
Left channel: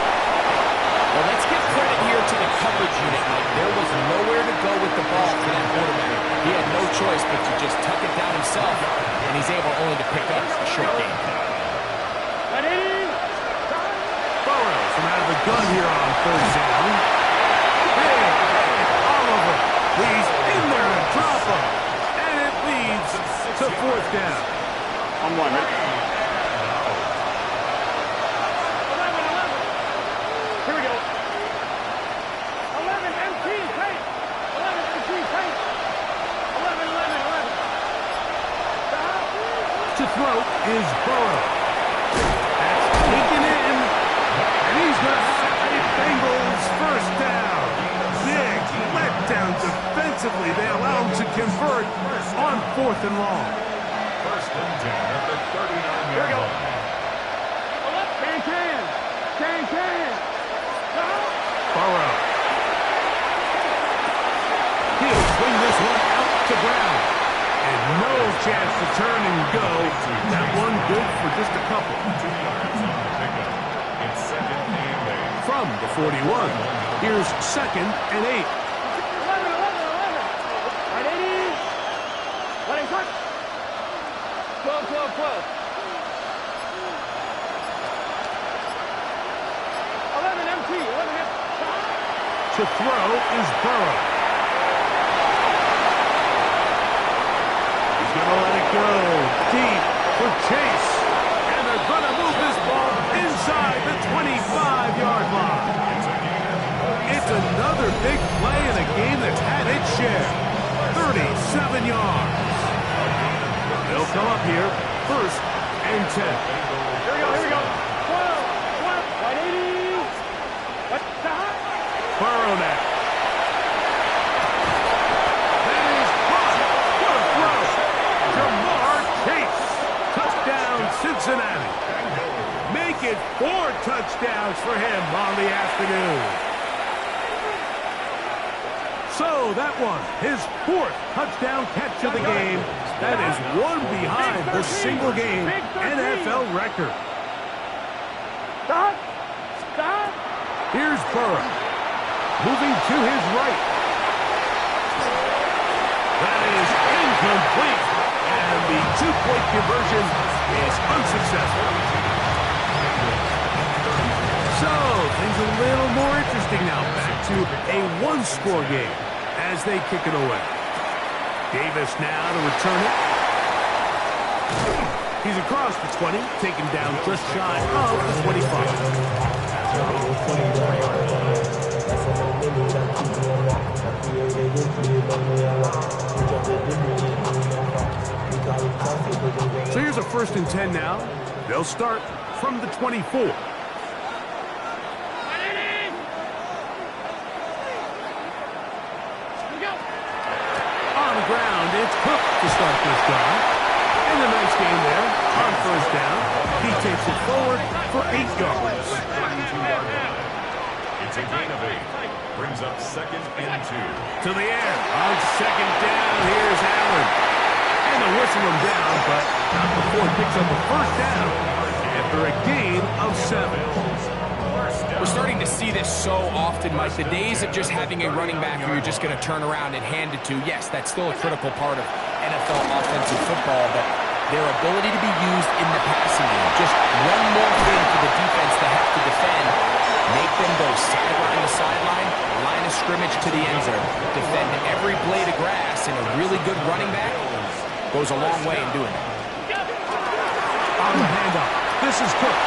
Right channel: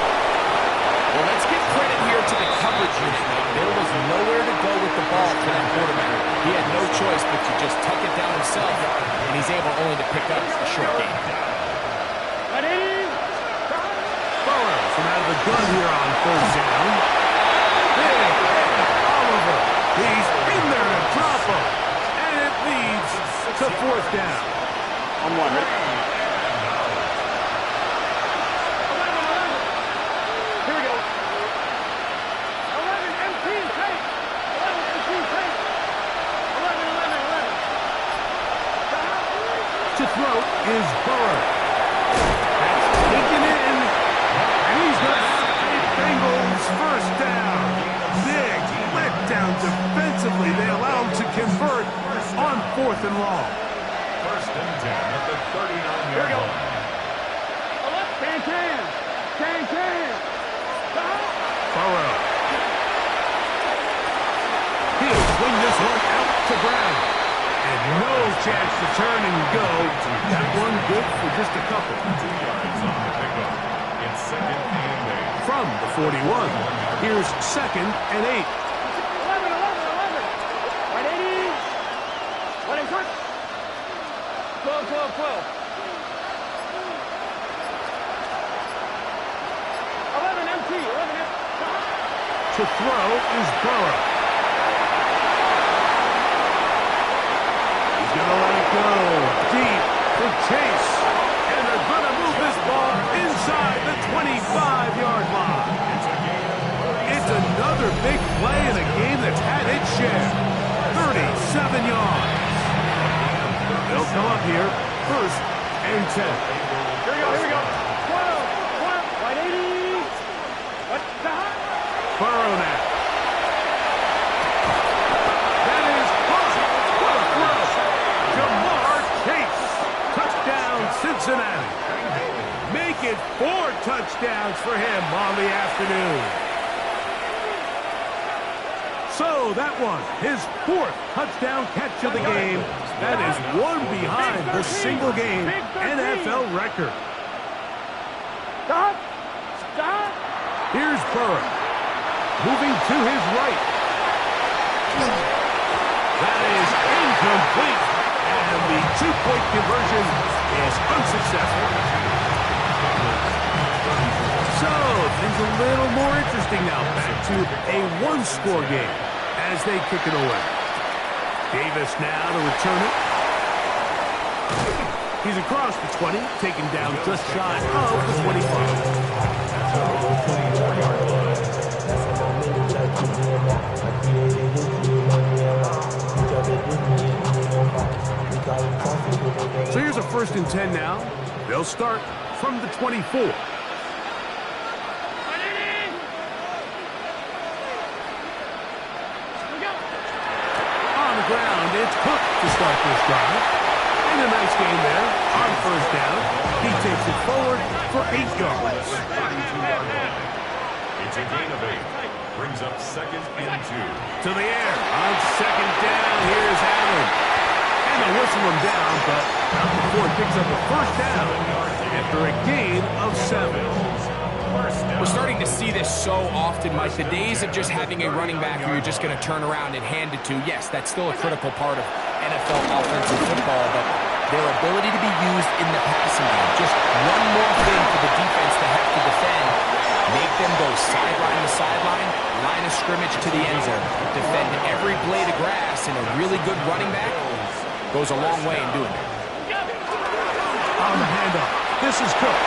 Well, let's give credit here to the coverage unit, Mike. There was nowhere to go with the ball for that quarterback. He had no choice but to just tuck it down himself, and he's able only to pick up a short gain. Burrow from out of the gun here on first down. Big Oliver. He's in there to drop him. And it leads to fourth down. On one, ready? 11. Here we go. 11 MT tape. 11 MT tape. 11. To throw is Burrow. That's taken in. And he's going to have a Bengals first down. Big letdown defensively. They allow him to convert on 4th and long. First and 10 at the 39-yard Here we go. line. Can. Burrow. He'll swing this one out to Brown. And no chance to turn and go. That one good for just a couple. 2 yards on the pickup. It's second and 8. From the 41. Here's second and 8. 11. Right, 80. Let him cut. 12. 11 MT. To throw is Burrow. He's going to let it go deep for Chase. And they're going to move this ball inside the 25-yard line. It's another big play in a game that's had its share. 37 yards. They'll come up here, first and 10. Here we go. 12. Right, 80. What's that? Burrow now. That is caught. What a throw. Jamar Chase. Touchdown, Cincinnati. Make it 4 touchdowns for him on the afternoon. So that one, his 4th touchdown catch of the game. That is one behind the single-game NFL record. Stop. Here's Burrow. Moving to his right. That is incomplete. And the 2-point conversion is unsuccessful. So, things a little more interesting now. Back to a 1-score game as they kick it away. Davis now to return it. He's across the 20, taken down just shy of the 25. So here's a first and 10 now. They'll start from the 24. On the ground, it's Cook to start this drive. And a nice game there on first down. He takes it forward for 8 yards. 32-yard line. It's a gain of 8. Brings up second and 2. To the air. On second down, here's Allen. And they'll whistle him down, but not before he picks up a first down after a gain of 7. We're starting to see this so often, Mike. The days of just having a running back who you're just going to turn around and hand it to, yes, that's still a critical part of NFL offensive football, but their ability to be used in the passing game, just one more thing for the defense to have to defend, make them go sideline to sideline, line of scrimmage to the end zone, defend every blade of grass, and a really good running back goes a long way in doing that. On the handoff, this is Cook.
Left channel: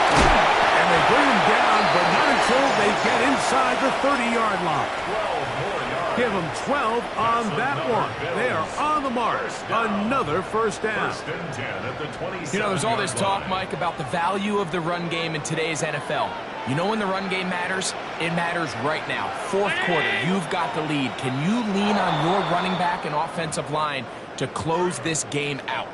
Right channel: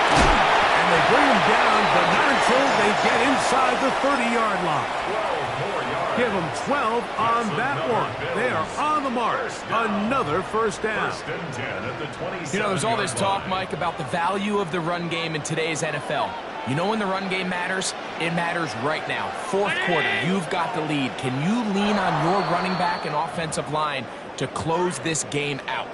And they bring him down, but not until they get inside the 30-yard line. 12 more yards. Give them 12 on that one. They are on the mark. Another first down. First and 10 at the 27. You know, there's all this talk, Mike, about the value of the run game in today's NFL. You know when the run game matters? It matters right now. 4th quarter, you've got the lead. Can you lean on your running back and offensive line to close this game out?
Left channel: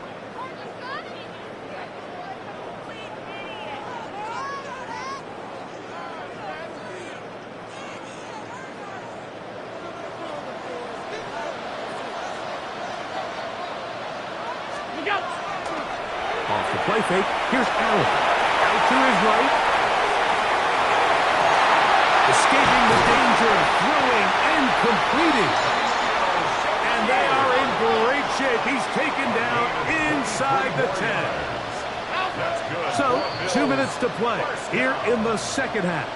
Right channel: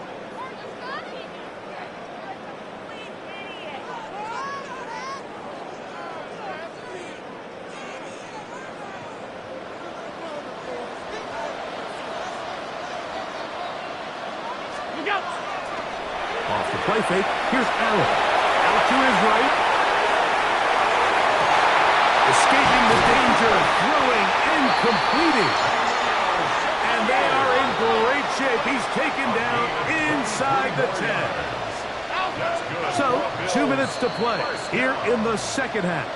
play fake. Here's Allen. Out to his right. Escaping the danger. Throwing and completing. And they are in great shape. He's taken down inside the 10. So, 2 minutes to play here in the second half.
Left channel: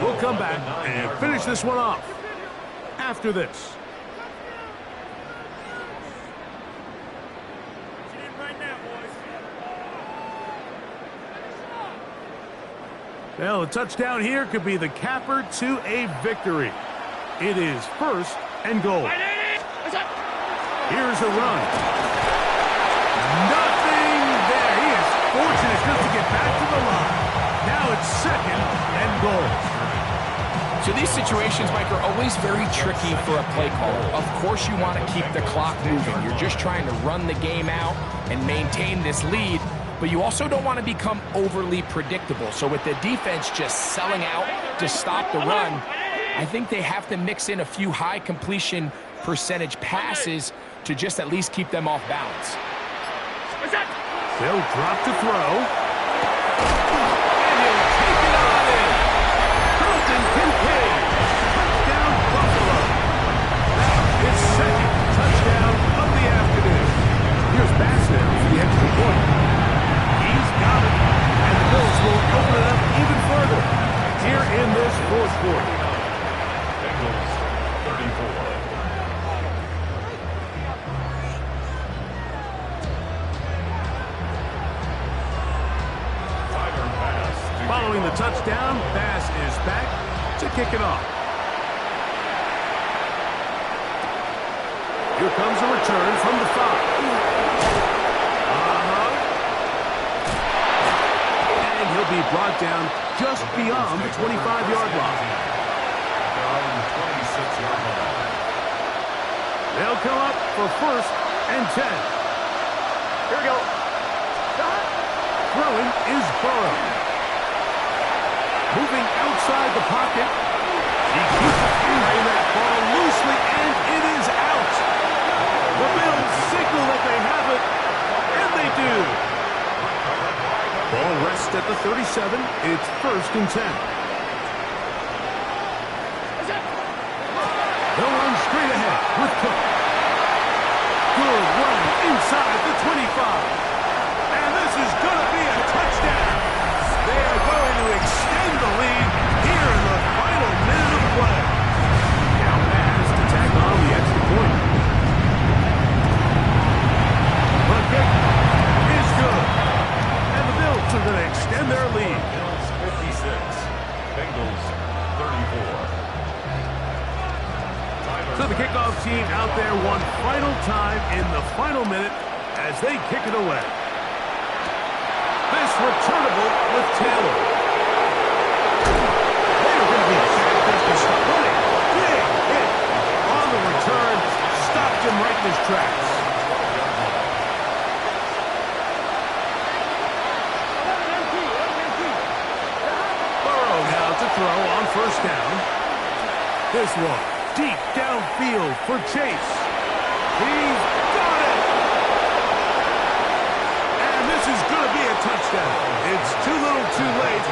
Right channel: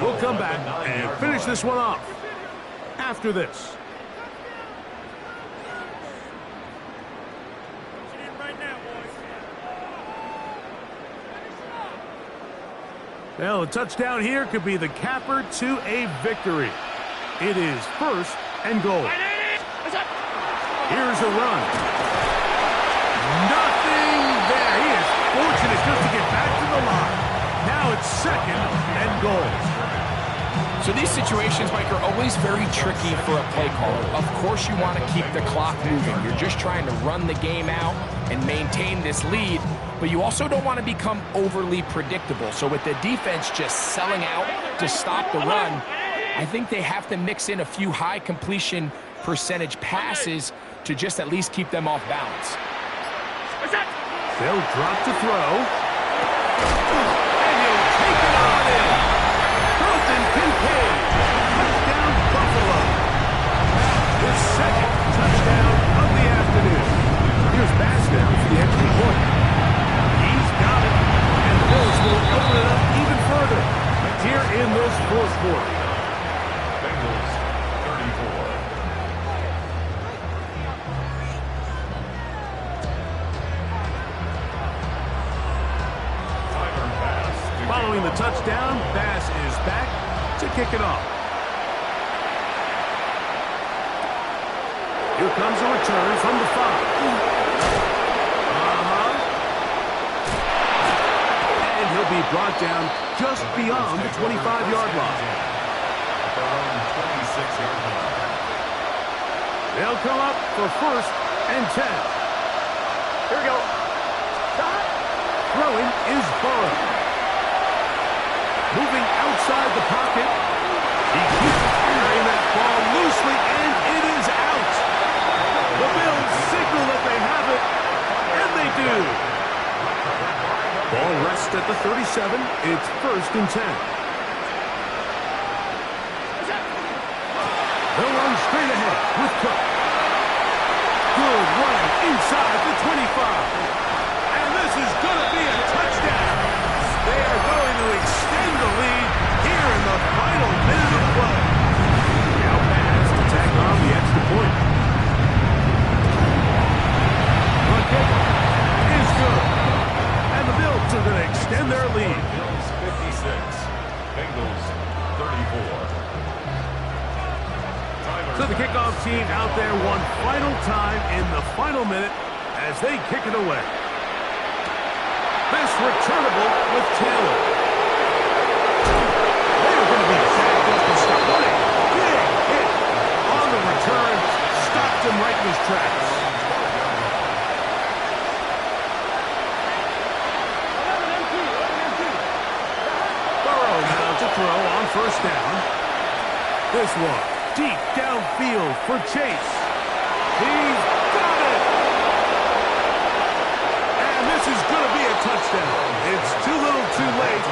We'll come back and finish this one off after this. Well, a touchdown here could be the capper to a victory. It is 1st and goal. Here's a run. Nothing there. He is fortunate just to get back to the line. Now it's 2nd and goal. So these situations, Mike, are always very tricky for a play caller. Of course you want to keep the clock moving. You're just trying to run the game out and maintain this lead, but you also don't want to become overly predictable. So with the defense just selling out to stop the run, I think they have to mix in a few high completion percentage passes to just at least keep them off balance. They'll drop to throw. And he'll take it on in. Carlton Kincaid. Touchdown, Buffalo. That is 2nd touchdown of the afternoon. Here's Bass now for the extra point. He's got it. And the Bills will open it up even further here in this 4th quarter. Bengals 34. Following the touchdown, Bass is back to kick it off. Here comes a return from the 5. And he'll be brought down just beyond the 25-yard line. At their own 26-yard line. They'll come up for 1st and 10. Here we go. Throwing is Burrow. Moving outside the pocket. He keeps carrying that ball loosely, and it is out. The Bills signal that they have it, and they do. Ball rests at the 37. It's 1st and 10. They'll run straight ahead with Cook. Good running inside the 25. And this is going to be a touchdown. They are going to extend the lead here in the final minute of play. Now Bass to tag on the extra point. Run kick is good. And the Bills are going to extend their lead. Bills 56, Bengals 34. So the kickoff team out there one final time in the final minute as they kick it away. This returnable with Taylor. They're going to be back just to stop. What a big hit on the return. Stopped him right in his tracks. 11 MT. Burrow now to throw on 1st down. This one deep downfield for Chase. He's got it. This is going to be a touchdown. It's too little too late.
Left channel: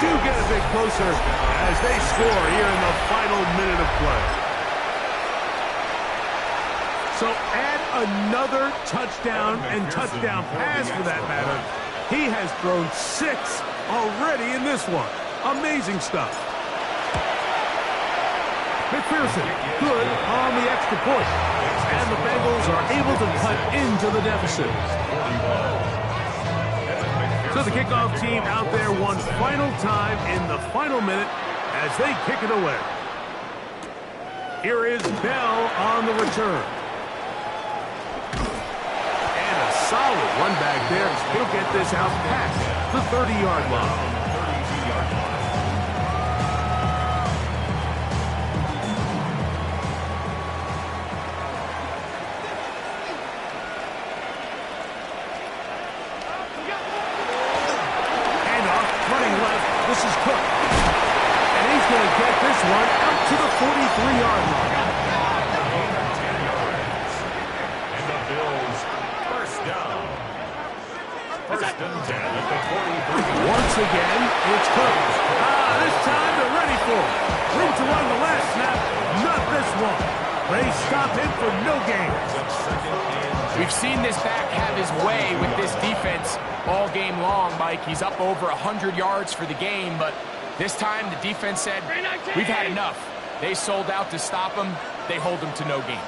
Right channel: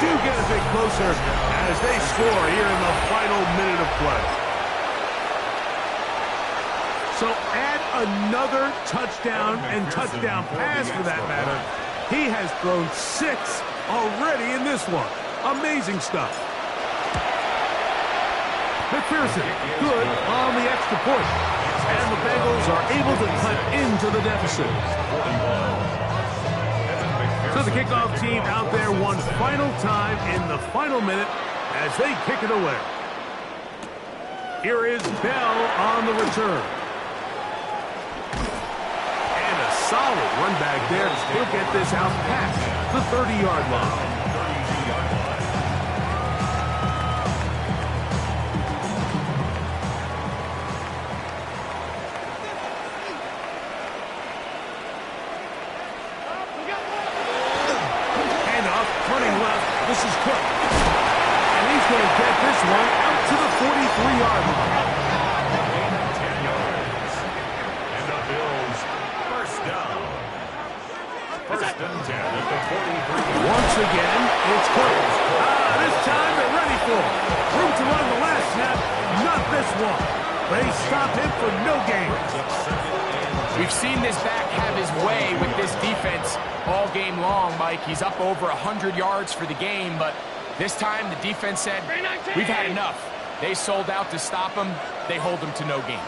Do get a bit closer as they score here in the final minute of play. So add another touchdown and touchdown pass for that matter. He has thrown 6 already in this one. Amazing stuff. McPherson, good on the extra point. And the Bengals are able to cut into the deficit. So the kickoff team out there one final time in the final minute as they kick it away. Here is Bell on the return. And a solid run back there. He'll get this out past the 30-yard line. 32-yard line. Running left, this is Cook. And he's going to get this one out to the 43-yard line. Gain of 10 yards. And the Bills first down. First and 10 at the 43. Once again, it's close. This time they're ready for it. Room to run the last snap, not this one. They stop him for no gain. We've seen this back have his way with this defense all game long, Mike. He's up over 100 yards for the game, but this time the defense said, we've had enough. They sold out to stop him. They hold him to no gain.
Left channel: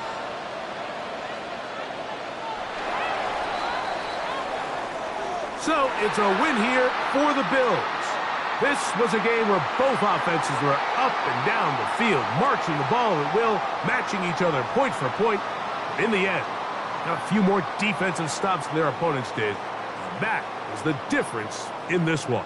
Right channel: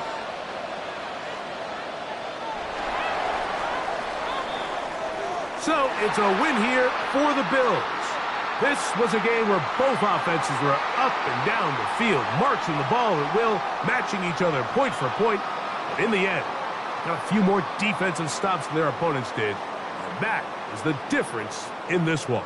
So it's a win here for the Bills. This was a game where both offenses were up and down the field, marching the ball at will, matching each other point for point. But in the end, got a few more defensive stops than their opponents did. And that is the difference in this one.